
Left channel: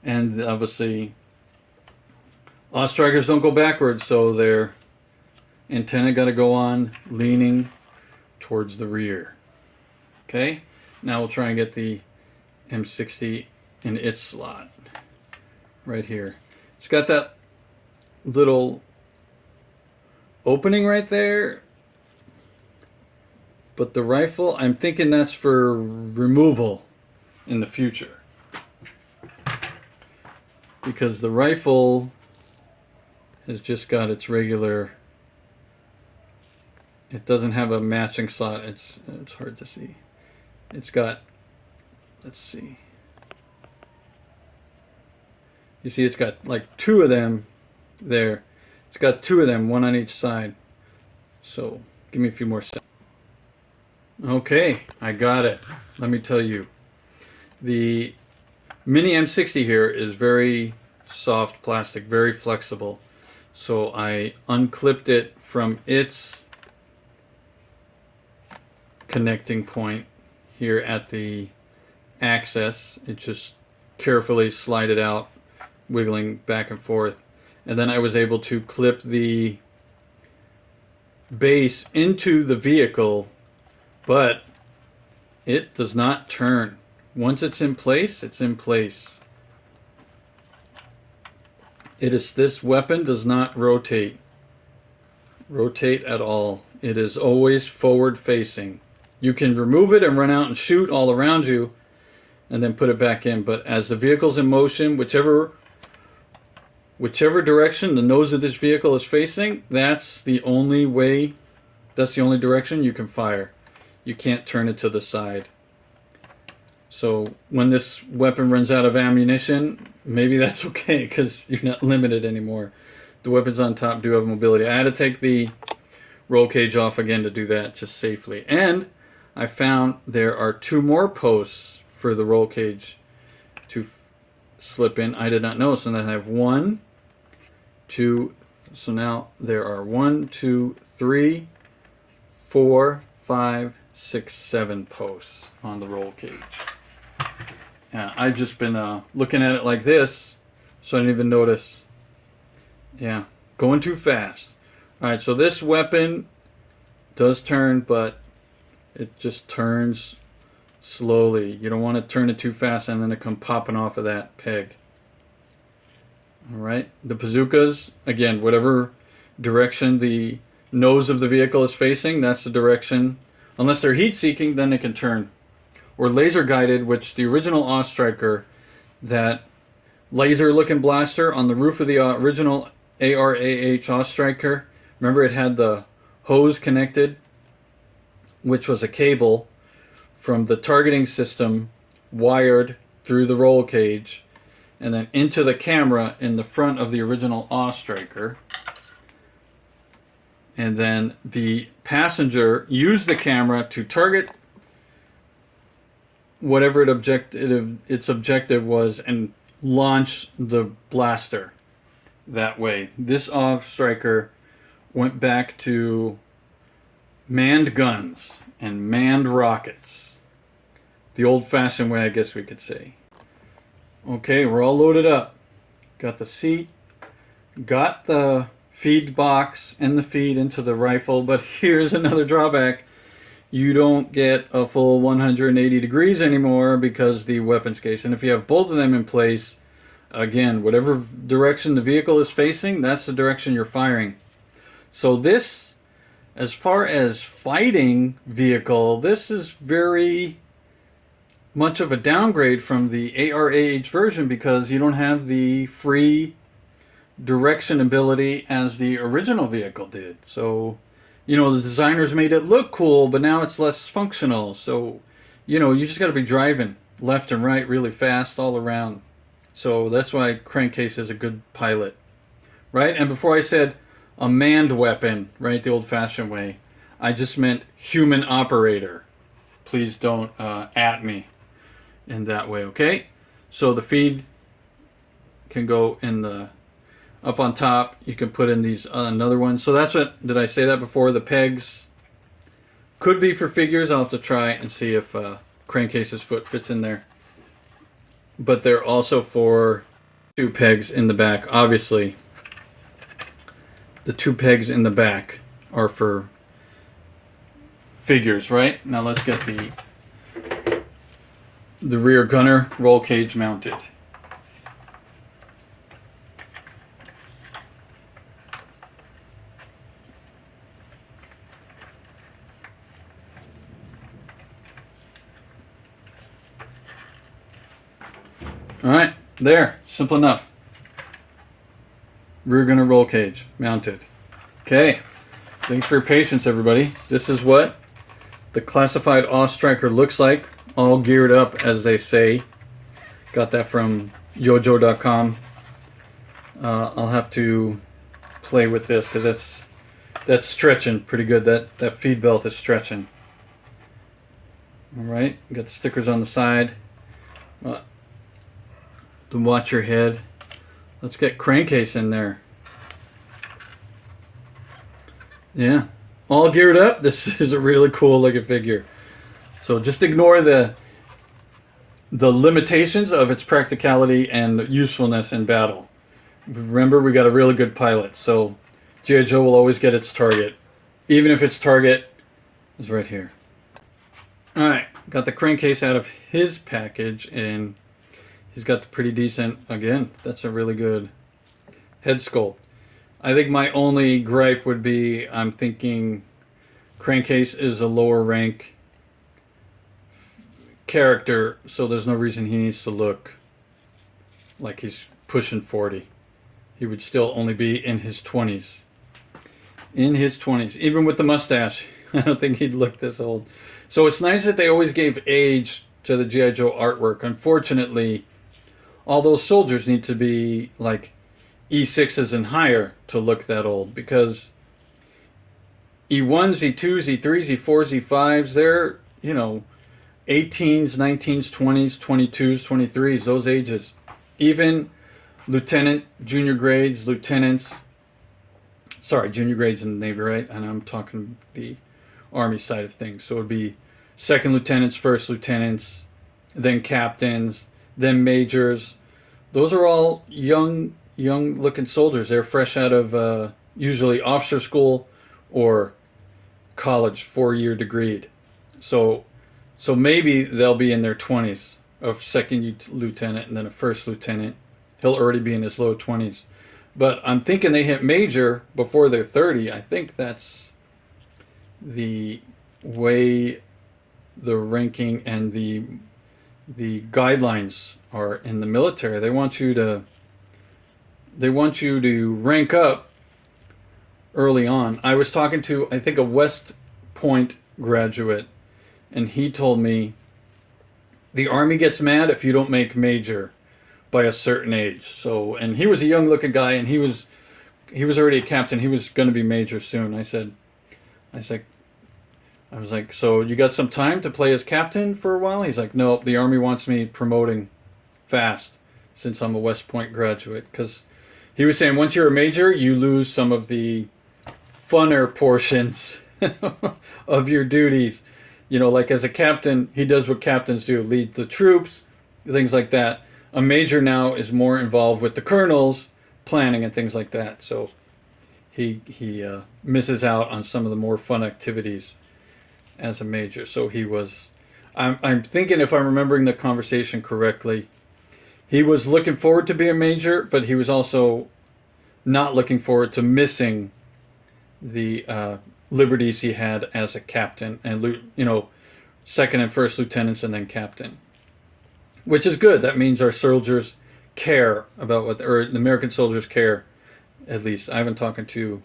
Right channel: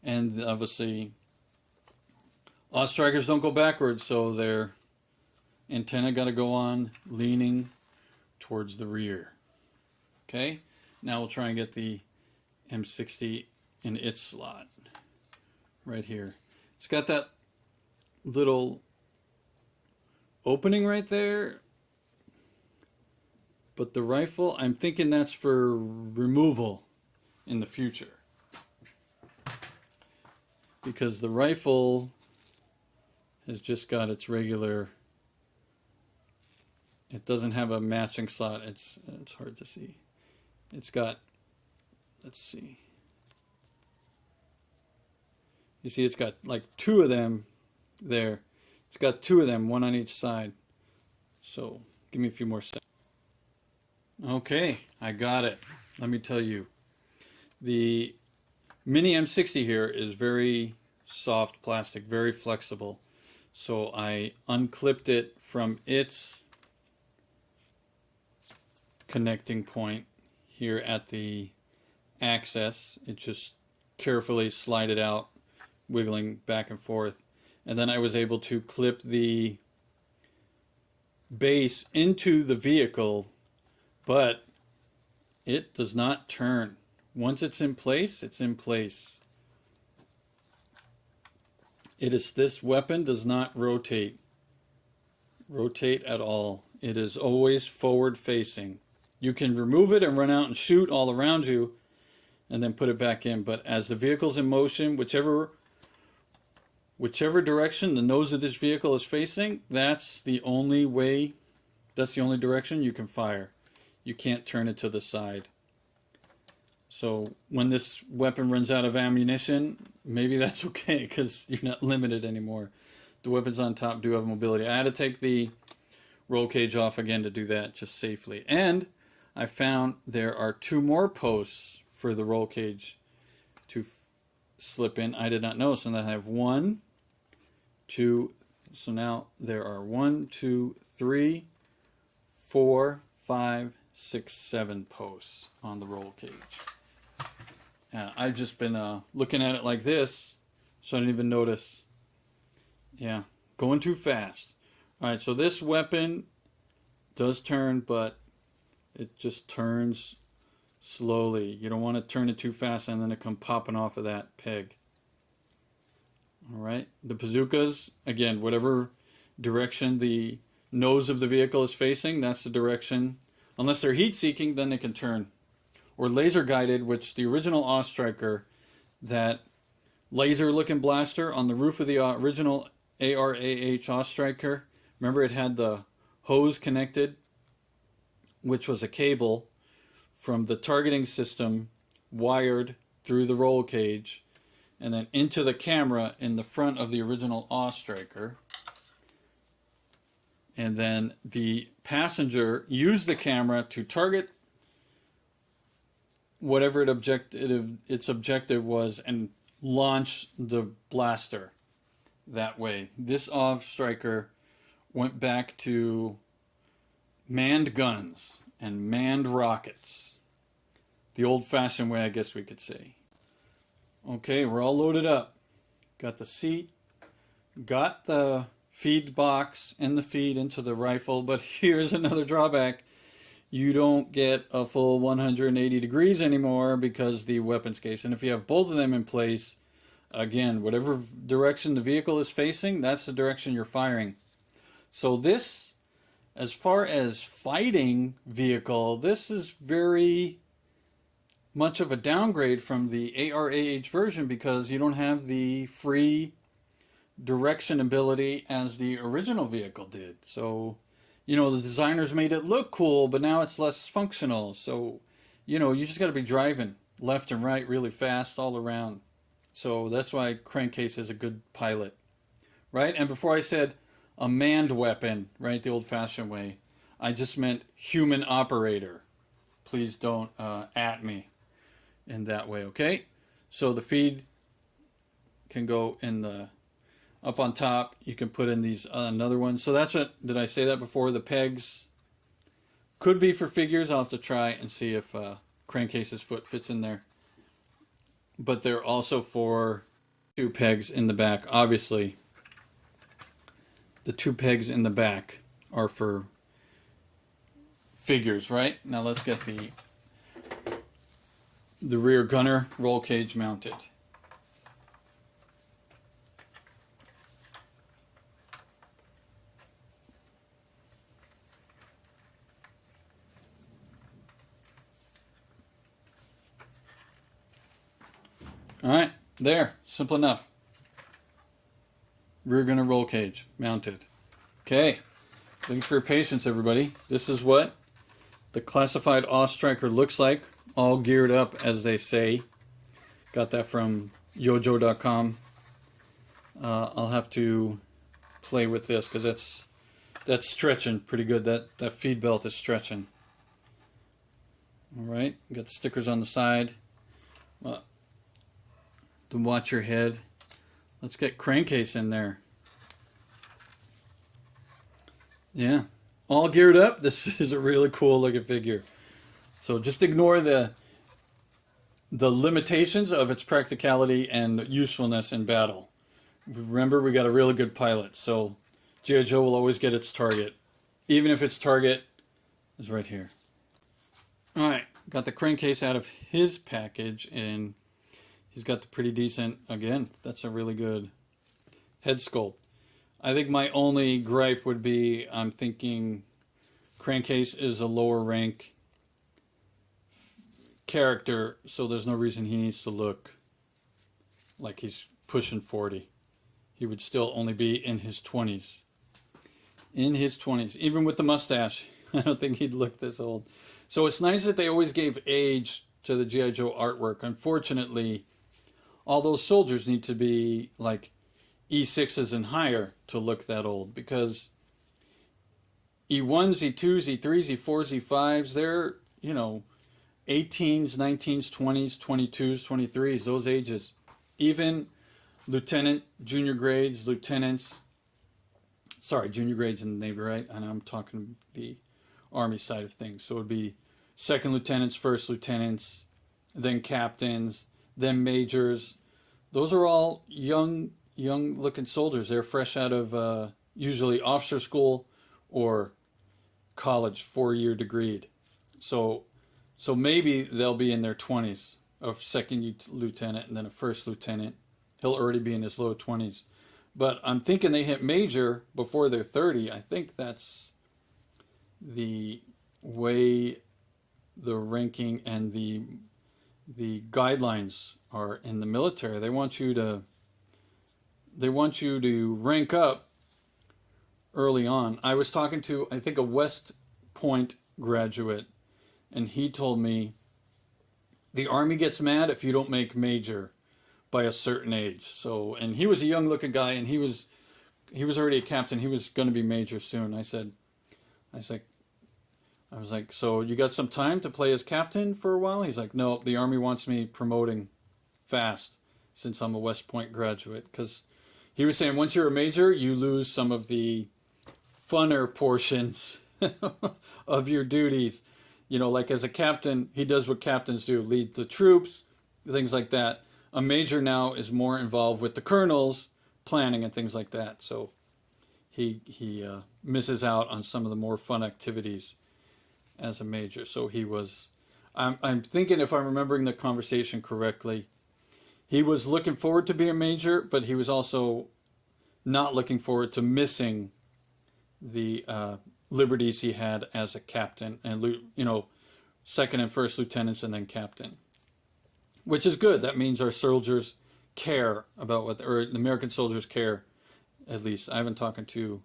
and obviously Awe-Strikers don't go backwards, so their antenna got to go on leaning towards the rear. Okay, now we'll try and get the M60 in its slot right here. It's got that little opening right there, but the rifle, I'm thinking that's for removal in the future, because the rifle has just got its regular, it doesn't have a matching slot. It's hard to see. It's got, let's see. You see it's got like 2 of them there. It's got 2 of them, 1 on each side. So give me a few more steps. Okay, I got it. Let me tell you. The Mini M60 here is very soft plastic, very flexible. So I unclipped it from its connecting point here at the axis. It just carefully slide it out, wiggling back and forth. And then I was able to clip the base into the vehicle, but it does not turn. Once it's in place, it's in place. This weapon does not rotate at all. It is always forward facing. You can remove it and run out and shoot all around you and then put it back in, but as the vehicle's in motion, whichever direction the nose of this vehicle is facing, that's the only direction you can fire. You can't turn it to the side. So when this weapon runs out of ammunition, maybe that's okay, because you're not limited anymore. The weapons on top do have mobility. I had to take the roll cage off again to do that just safely. And I found there are 2 more posts for the roll cage to slip in. I did not know, so then I have 1, 2, so now there are 1, 2, 3, 4, 5, 6, 7 posts on the roll cage. I've just been looking at it like this, so I didn't even notice. Yeah, going too fast. Alright, so this weapon does turn, but it just turns slowly. You don't want to turn it too fast and then it come popping off of that peg. Alright, the bazookas, again, whatever direction the nose of the vehicle is facing, that's the direction. Unless they're heat seeking, then they can turn. Or laser guided, which the original Ostriker, that laser looking blaster on the roof of the original ARAH Ostriker, remember it had the hose connected, which was a cable from the targeting system wired through the roll cage and then into the camera in the front of the original Ostriker. And then the passenger used the camera to target whatever its objective was and launch the blaster that way. This Ostriker went back to manned guns and manned rockets. The old-fashioned way, I guess we could say. Okay, we're all loaded up. Got the seat, got the feed box and the feed into the rifle, but here's another drawback. You don't get a full 180 degrees anymore because the weapons case. And if you have both of them in place, again, whatever direction the vehicle is facing, that's the direction you're firing. So this, as far as fighting vehicle, this is very much of a downgrade from the ARAH version because you don't have the free direction ability as the original vehicle did. So, you know, the designers made it look cool, but now it's less functional. So, you know, you just got to be driving left and right really fast all around. So that's why Crankcase is a good pilot, right? And before I said a manned weapon, right, the old-fashioned way, I just meant human operator. Please don't at me in that way, okay? So the feed can go in the up on top. You can put in these another one. So that's what, did I say that before? The pegs could be for figures. I'll have to try and see if Crankcase's foot fits in there. But they're also for 2 pegs in the back. Obviously, the 2 pegs in the back are for figures, right? Now let's get the rear gunner roll cage mounted. Alright, there. Simple enough. Rear gunner roll cage mounted. Okay. Thanks for your patience, everybody. This is what the classified Ostriker looks like. All geared up, as they say. Got that from yojo.com. I'll have to play with this because that's stretching pretty good. That feed belt is stretching. Alright, got the stickers on the side. To watch your head. Let's get Crankcase in there. Yeah. All geared up. This is a really cool looking figure. So just ignore the limitations of its practicality and usefulness in battle. Remember, we got a really good pilot, so G.I. Joe will always get its target, even if its target is right here. Alright, got the crankcase out of his package, and he's got the pretty decent, again, that's a really good head sculpt. I think my only gripe would be, I'm thinking Crankcase is a lower rank character, so there's no reason he needs to look like he's pushing 40. He would still only be in his 20s. In his 20s. Even with the mustache, I don't think he'd look this old. So it's nice that they always gave age to the G.I. Joe artwork. Unfortunately, all those soldiers need to be like E6s and higher to look that old, because E1s, E2s, E3s, E4s, E5s, they're, 18s, 19s, 20s, 22s, 23s, those ages. Even lieutenant, junior grades, lieutenants, junior grades in the Navy, right? And I'm talking the Army side of things. So it would be second lieutenants, first lieutenants, then captains, then majors. Those are all young looking soldiers. They're fresh out of usually officer school or college, 4-year degreed. So maybe they'll be in their 20s, a second lieutenant and then a first lieutenant. He'll already be in his low 20s. But I'm thinking they hit major before they're 30. I think that's the way the ranking and the guidelines are in the military. They want you to rank up early on. I was talking to, I think, a West Point graduate, and he told me the Army gets mad if you don't make major by a certain age. So, and he was a young looking guy, and he was already a captain. He was going to be major soon. I was like, so you got some time to play as captain for a while? He's like, no, the Army wants me promoting fast since I'm a West Point graduate. Because he was saying once you're a major, you lose some of the funner portions of your duties. Like as a captain, he does what captains do, lead the troops, things like that. A major now is more involved with the colonels, planning and things like that. So he misses out on some of the more fun activities as a major. So he was, I'm thinking, if I'm remembering the conversation correctly, he was looking forward to being a major, but he was also not looking forward to missing the liberties he had as a captain, and second and first lieutenants and then captain, which is good. That means our soldiers care about or the American soldiers care, at least. I haven't talked to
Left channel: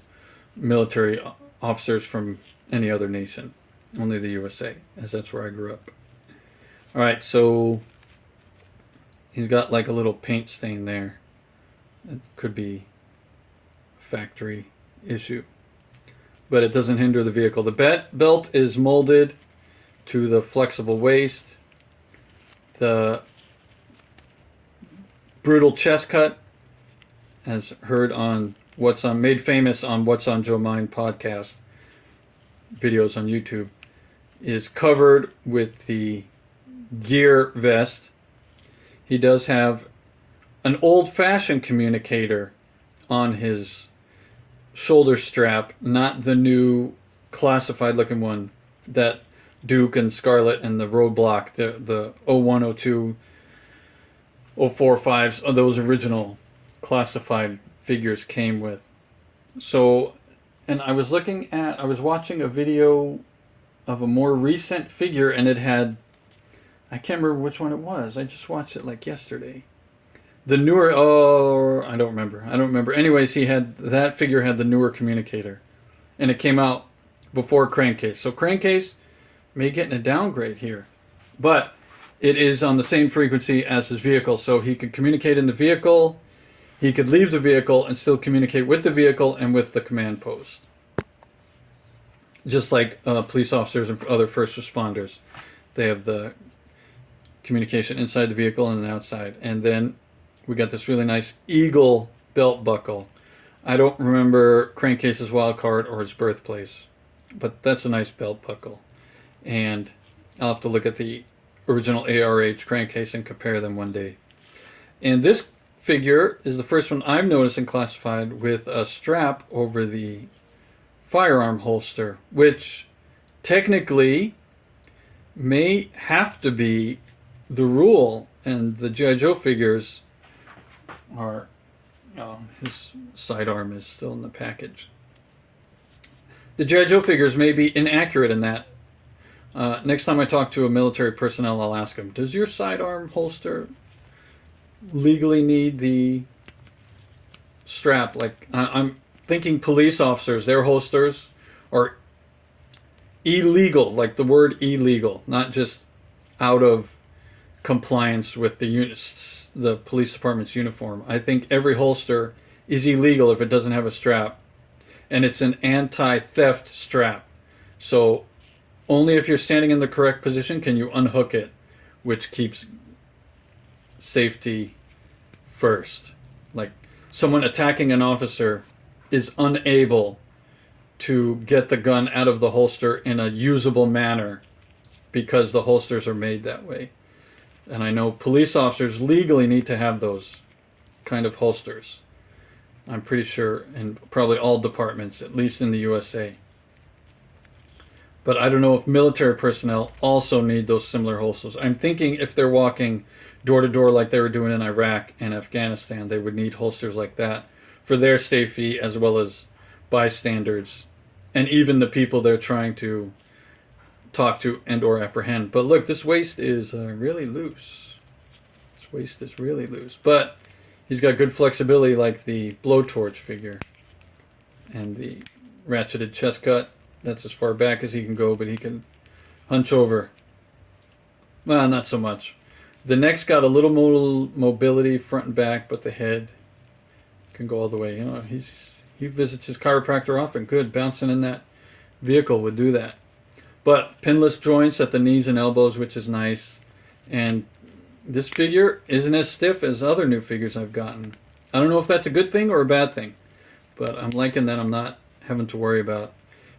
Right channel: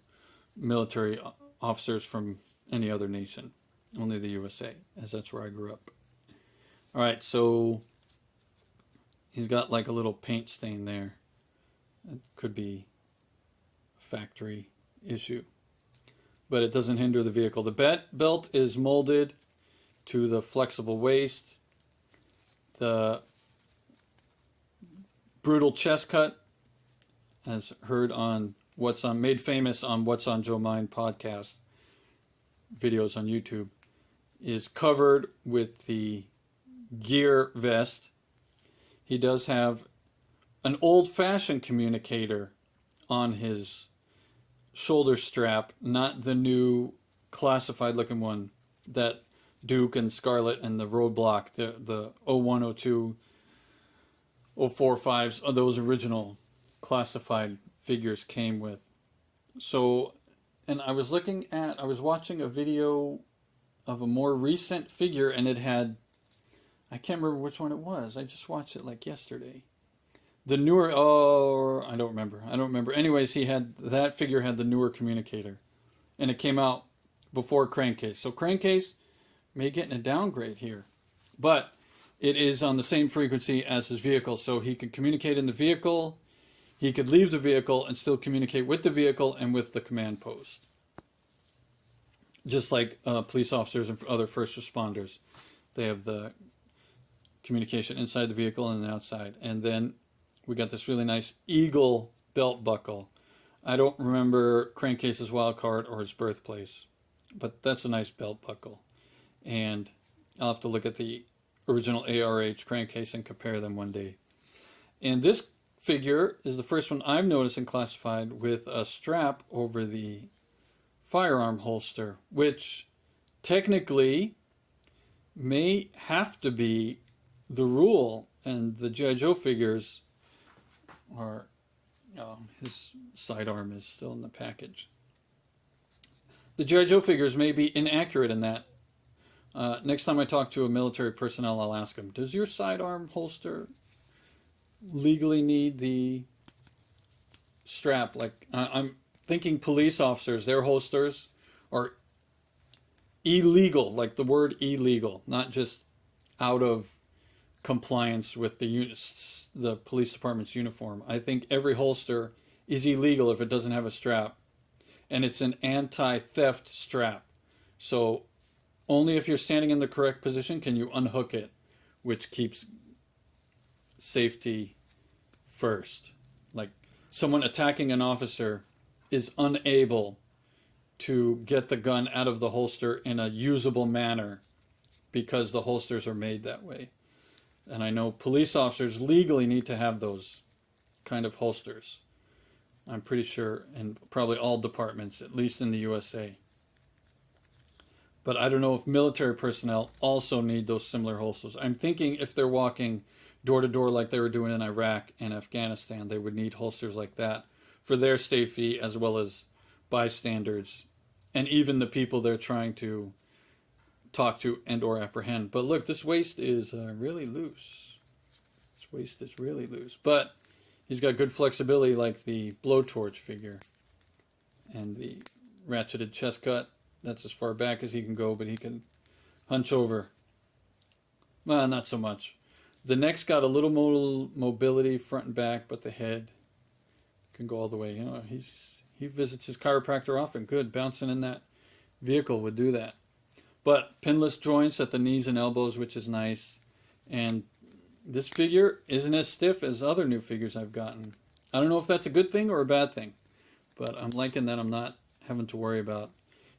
military officers from any other nation, only the USA, as that's where I grew up. All right, so he's got like a little paint stain there. It could be a factory issue, but it doesn't hinder the vehicle. The belt is molded to the flexible waist. The brutal chest cut, as heard on made famous on What's on Joe Mind podcast videos on YouTube, is covered with the gear vest. He does have an old-fashioned communicator on his shoulder strap, not the new classified looking one that Duke and Scarlet and the Roadblock, the 01, 02, 04, 05s, those original classified figures came with. So, and I was watching a video of a more recent figure, and it had, I can't remember which one it was. I just watched it like yesterday. The newer, I don't remember. Anyways, that figure had the newer communicator, and it came out before Crankcase. So Crankcase may get in a downgrade here, but it is on the same frequency as his vehicle, so he could communicate in the vehicle, he could leave the vehicle and still communicate with the vehicle and with the command post. Just like police officers and other first responders. They have the communication inside the vehicle and outside. And then we got this really nice eagle belt buckle. I don't remember Crankcase's wild card or his birthplace, but that's a nice belt buckle. And I'll have to look at the original ARH Crankcase and compare them one day. And this figure is the first one I've noticed in Classified with a strap over the firearm holster, which technically may have to be the rule. And the G.I. Joe figures are... Oh, his sidearm is still in the package. The G.I. Joe figures may be inaccurate in that. Next time I talk to a military personnel, I'll ask him, does your sidearm holster legally need the strap? Like, I'm thinking police officers, their holsters are illegal, like the word illegal, not just out of compliance with the police department's uniform. I think every holster is illegal if it doesn't have a strap, and it's an anti-theft strap. So only if you're standing in the correct position can you unhook it, which keeps safety first. Like, someone attacking an officer is unable to get the gun out of the holster in a usable manner because the holsters are made that way. And I know police officers legally need to have those kind of holsters. I'm pretty sure in probably all departments, at least in the USA. But I don't know if military personnel also need those similar holsters. I'm thinking if they're walking door to door like they were doing in Iraq and Afghanistan, they would need holsters like that for their safety as well as bystanders and even the people they're trying to talk to and or apprehend. But look, this waist is really loose. This waist is really loose. But he's got good flexibility like the blowtorch figure. And the ratcheted chest cut. That's as far back as he can go, but he can hunch over. Well, not so much. The neck's got a little mobility front and back, but the head can go all the way. You know, he visits his chiropractor often. Good, bouncing in that vehicle would do that. But pinless joints at the knees and elbows, which is nice. And this figure isn't as stiff as other new figures I've gotten. I don't know if that's a good thing or a bad thing, but I'm liking that I'm not having to worry about.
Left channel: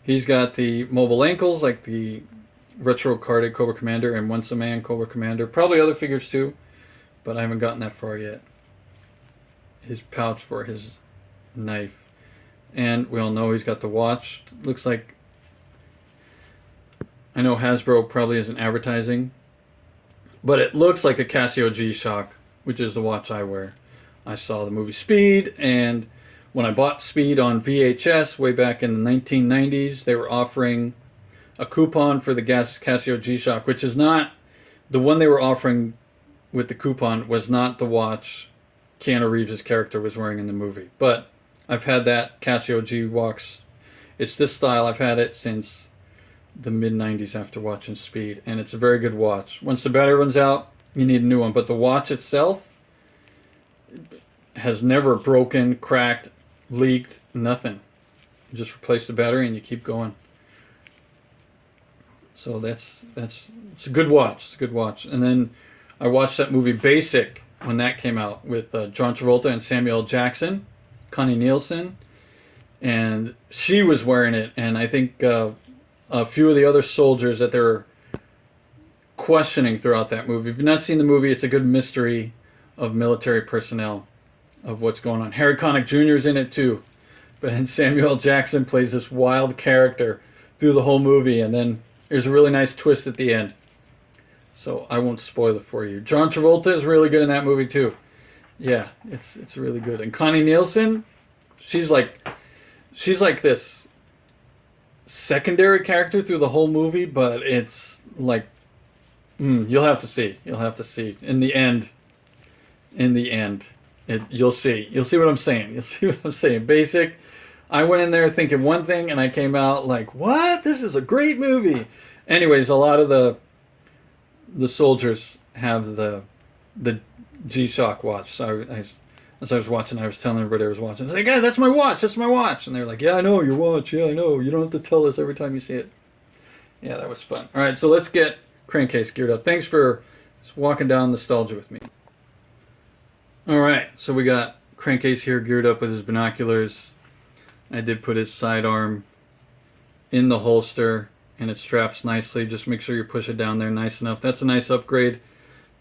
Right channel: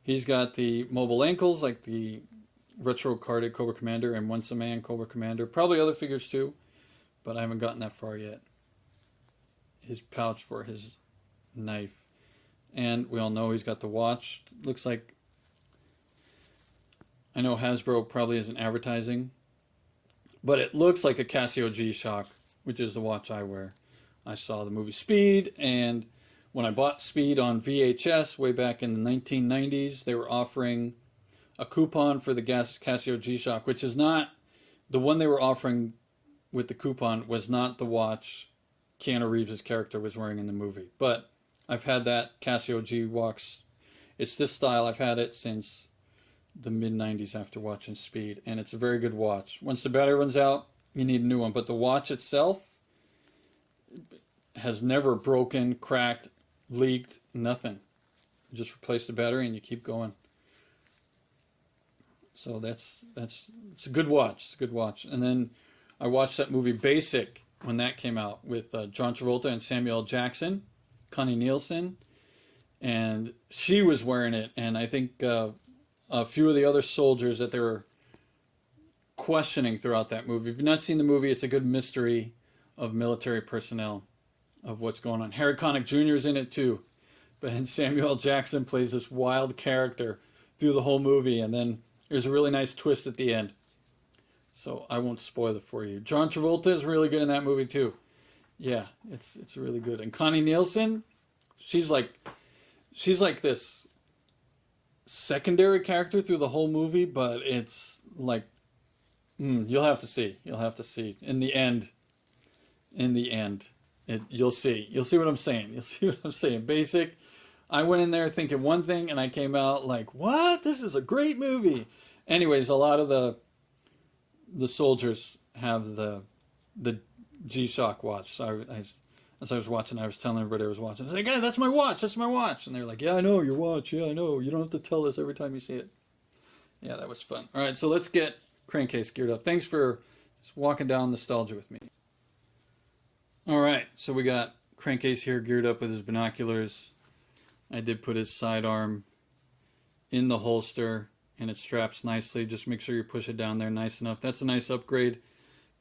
He's got the mobile ankles like the retro carded Cobra Commander and Once a Man Cobra Commander. Probably other figures too, but I haven't gotten that far yet. His pouch for his knife. And we all know he's got the watch. Looks like... I know Hasbro probably isn't advertising, but it looks like a Casio G-Shock, which is the watch I wear. I saw the movie Speed, and when I bought Speed on VHS way back in the 1990s, they were offering a coupon for the Casio G-Shock, which is not... The one they were offering with the coupon was not the watch Keanu Reeves' character was wearing in the movie. But I've had that Casio G-Watch. It's this style. I've had it since the mid-90s after watching Speed, and it's a very good watch. Once the battery runs out, you need a new one, but the watch itself has never broken, cracked, leaked, nothing. You just replace the battery and you keep going. So it's a good watch. It's a good watch. And then I watched that movie Basic when that came out with John Travolta and Samuel L. Jackson, Connie Nielsen, and she was wearing it, and I think a few of the other soldiers that they're questioning throughout that movie. If you've not seen the movie, it's a good mystery of military personnel, of what's going on. Harry Connick Jr. is in it too, but Samuel L. Jackson plays this wild character through the whole movie, and then there's a really nice twist at the end. So I won't spoil it for you. John Travolta is really good in that movie too. Yeah, it's really good. And Connie Nielsen, she's like this secondary character through the whole movie, but it's like you'll have to see. You'll have to see. In the end, you'll see. You'll see what I'm saying. You'll see what I'm saying. Basic. I went in there thinking one thing, and I came out like, "What? This is a great movie." Anyways, a lot of the soldiers have the G-Shock watch. So as I was watching, I was telling everybody I was watching. I was like, "Yeah, that's my watch. That's my watch." And they were like, "Yeah, I know your watch. Yeah, I know. You don't have to tell us every time you see it." Yeah, that was fun. All right, so let's get Crankcase geared up. Thanks for walking down nostalgia with me. All right, so we got Crankcase here geared up with his binoculars. I did put his sidearm in the holster and it straps nicely. Just make sure you push it down there nice enough. That's a nice upgrade.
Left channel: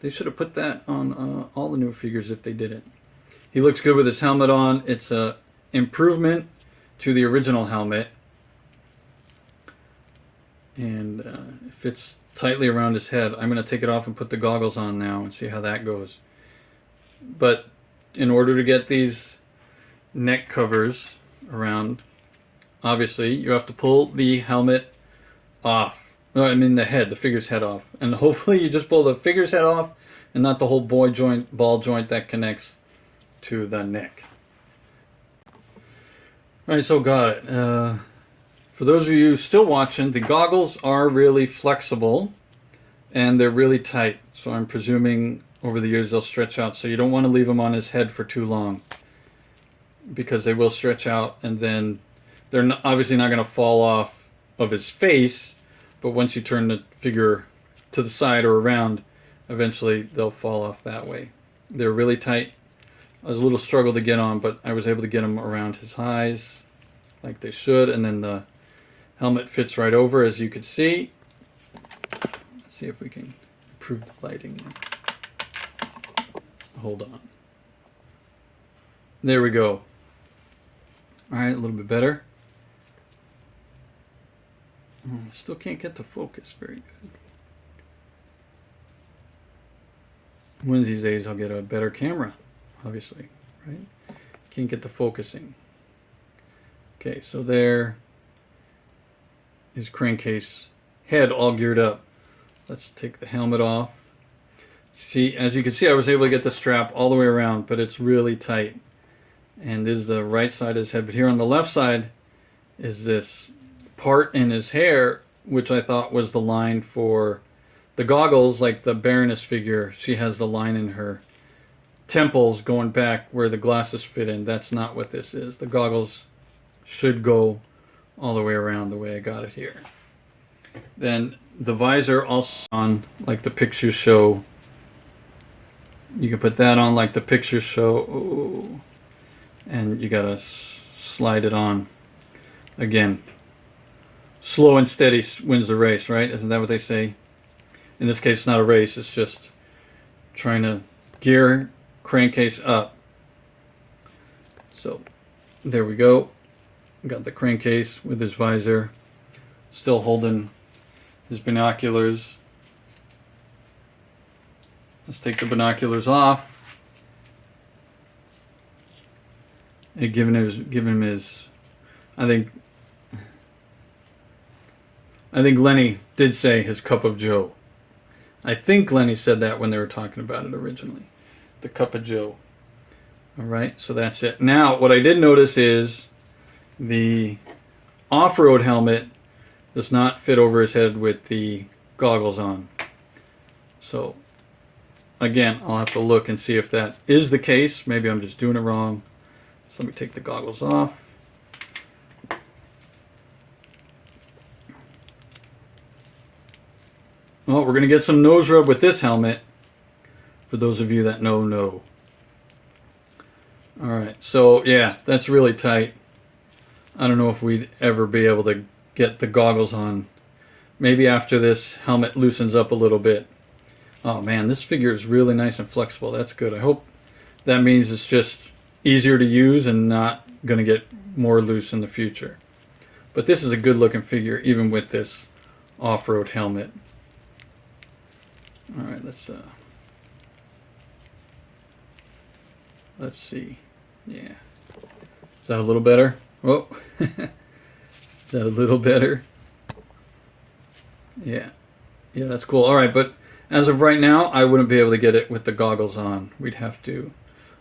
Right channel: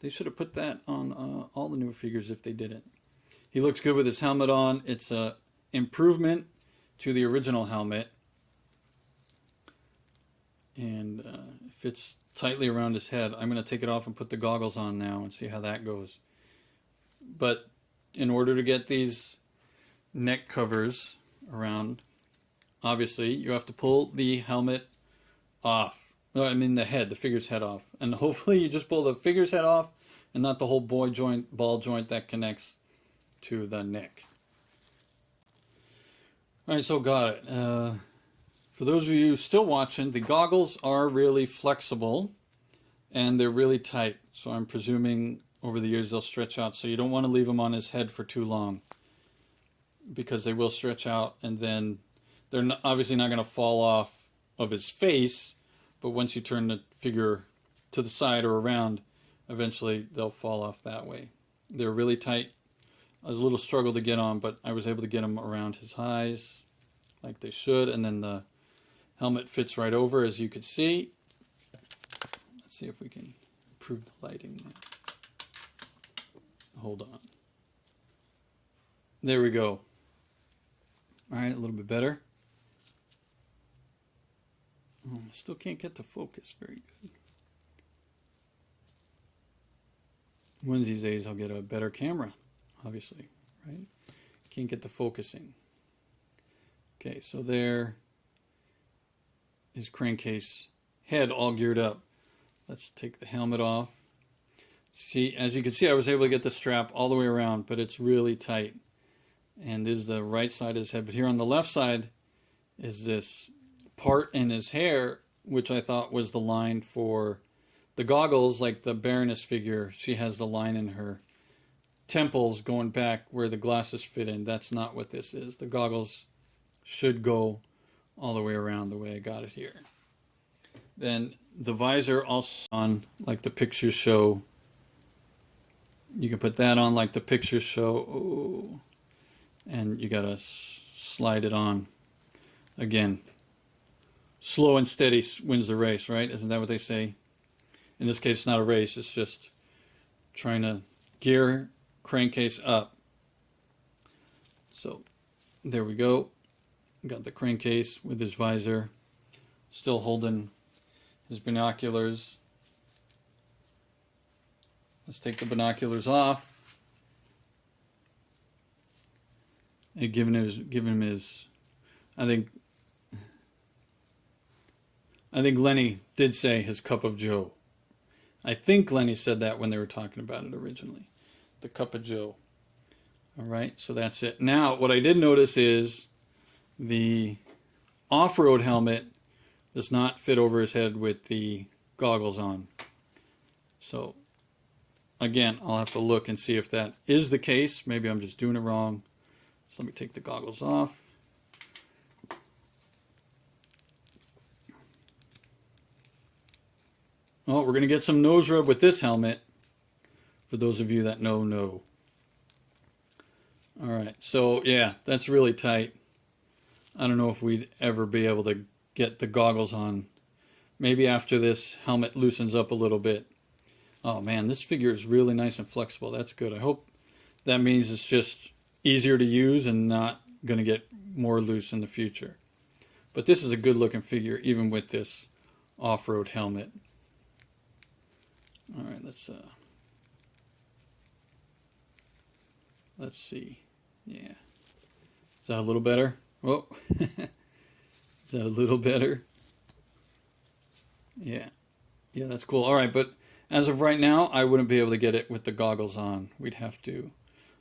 They should have put that on all the new figures if they didn't. He looks good with his helmet on. It's a improvement to the original helmet. And it fits tightly around his head. I'm going to take it off and put the goggles on now and see how that goes. But in order to get these neck covers around, obviously you have to pull the helmet off. No, I mean the head, the figure's head off. And hopefully you just pull the figure's head off and not the whole ball joint that connects to the neck. Alright, so got it. For those of you still watching, the goggles are really flexible and they're really tight. So I'm presuming over the years they'll stretch out. So you don't want to leave them on his head for too long because they will stretch out and then they're obviously not going to fall off of his face. But once you turn the figure to the side or around, eventually they'll fall off that way. They're really tight. I was a little struggle to get on, but I was able to get them around his eyes like they should. And then the helmet fits right over, as you can see. Let's see if we can improve the lighting. Hold on. There we go. All right, a little bit better. I still can't get the focus very good. One of these days I'll get a better camera, obviously, right? Can't get the focusing. Okay, so there is Crankcase head all geared up. Let's take the helmet off. See, as you can see, I was able to get the strap all the way around, but it's really tight. And this is the right side of his head. But here on the left side is this part in his hair, which I thought was the line for the goggles, like the Baroness figure. She has the line in her temples going back where the glasses fit in. That's not what this is. The goggles should go all the way around the way I got it here. Then the visor also on like the pictures show. You can put that on like the pictures show. Ooh. And you gotta slide it on. Again, slow and steady wins the race, right? Isn't that what they say? In this case, it's not a race. It's just trying to gear Crankcase up. So there we go. Got the Crankcase with his visor. Still holding his binoculars. Let's take the binoculars off. And give him his I think Lenny did say his cup of joe. I think Lenny said that when they were talking about it originally. The cup of joe. Alright, so that's it. Now, what I did notice is the off-road helmet does not fit over his head with the goggles on. So, again, I'll have to look and see if that is the case. Maybe I'm just doing it wrong. So let me take the goggles off. Well, we're going to get some nose rub with this helmet. For those of you that know. Alright, so yeah, that's really tight. I don't know if we'd ever be able to get the goggles on. Maybe after this helmet loosens up a little bit. Oh man, this figure is really nice and flexible. That's good. I hope that means it's just easier to use and not going to get more loose in the future. But this is a good looking figure even with this off-road helmet. Alright, let's see. Yeah. Is that a little better? Oh. Is that a little better? Yeah. Yeah, that's cool. Alright, but as of right now, I wouldn't be able to get it with the goggles on.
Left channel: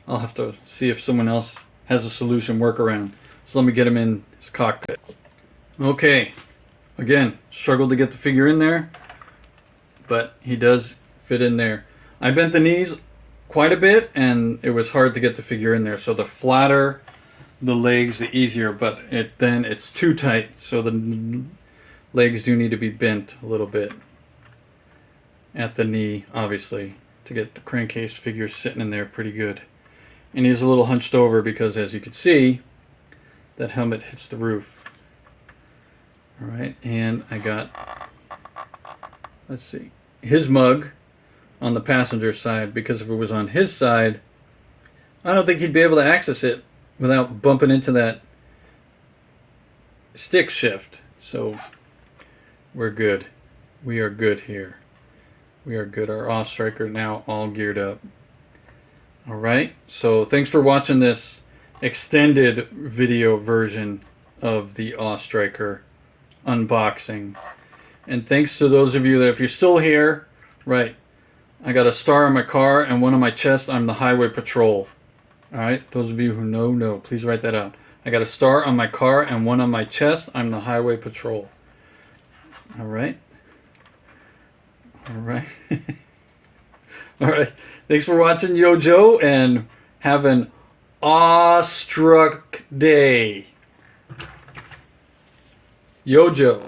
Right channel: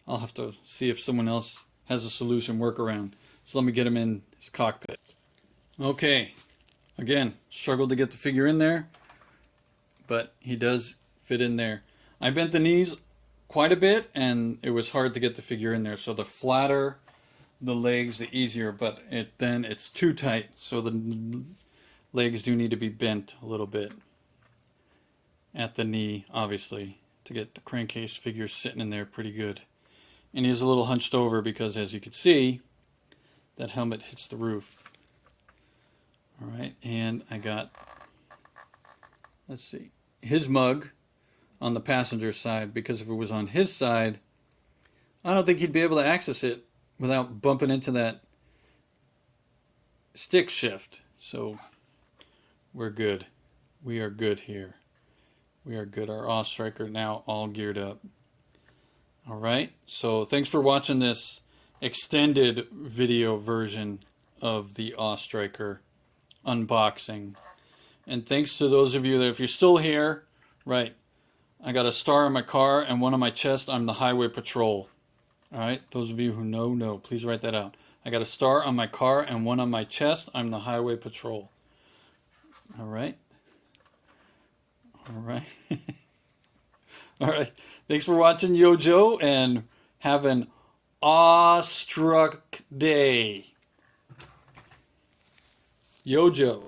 I'll have to see if someone else has a solution workaround. So let me get him in his cockpit. Okay. Again, struggled to get the figure in there, but he does fit in there. I bent the knees quite a bit, and it was hard to get the figure in there. So the flatter the legs, the easier, but then it's too tight. So the legs do need to be bent a little bit at the knee, obviously, to get the Crankcase figure sitting in there pretty good. And he's a little hunched over because, as you can see, that helmet hits the roof. All right, and I got, let's see, his mug on the passenger side, because if it was on his side, I don't think he'd be able to access it without bumping into that stick shift. So we're good. We are good here. We are good. Our Awe Striker now all geared up. All right. So thanks for watching this extended video version of the Awe Striker unboxing. And thanks to those of you that, if you're still here, right, I got a star on my car and one on my chest. I'm the Highway Patrol. All right. Those of you who know, please write that out. I got a star on my car and one on my chest. I'm the Highway Patrol. All right. All right. All right. Thanks for watching Yo Joe, and have an awestruck day. Yo Joe.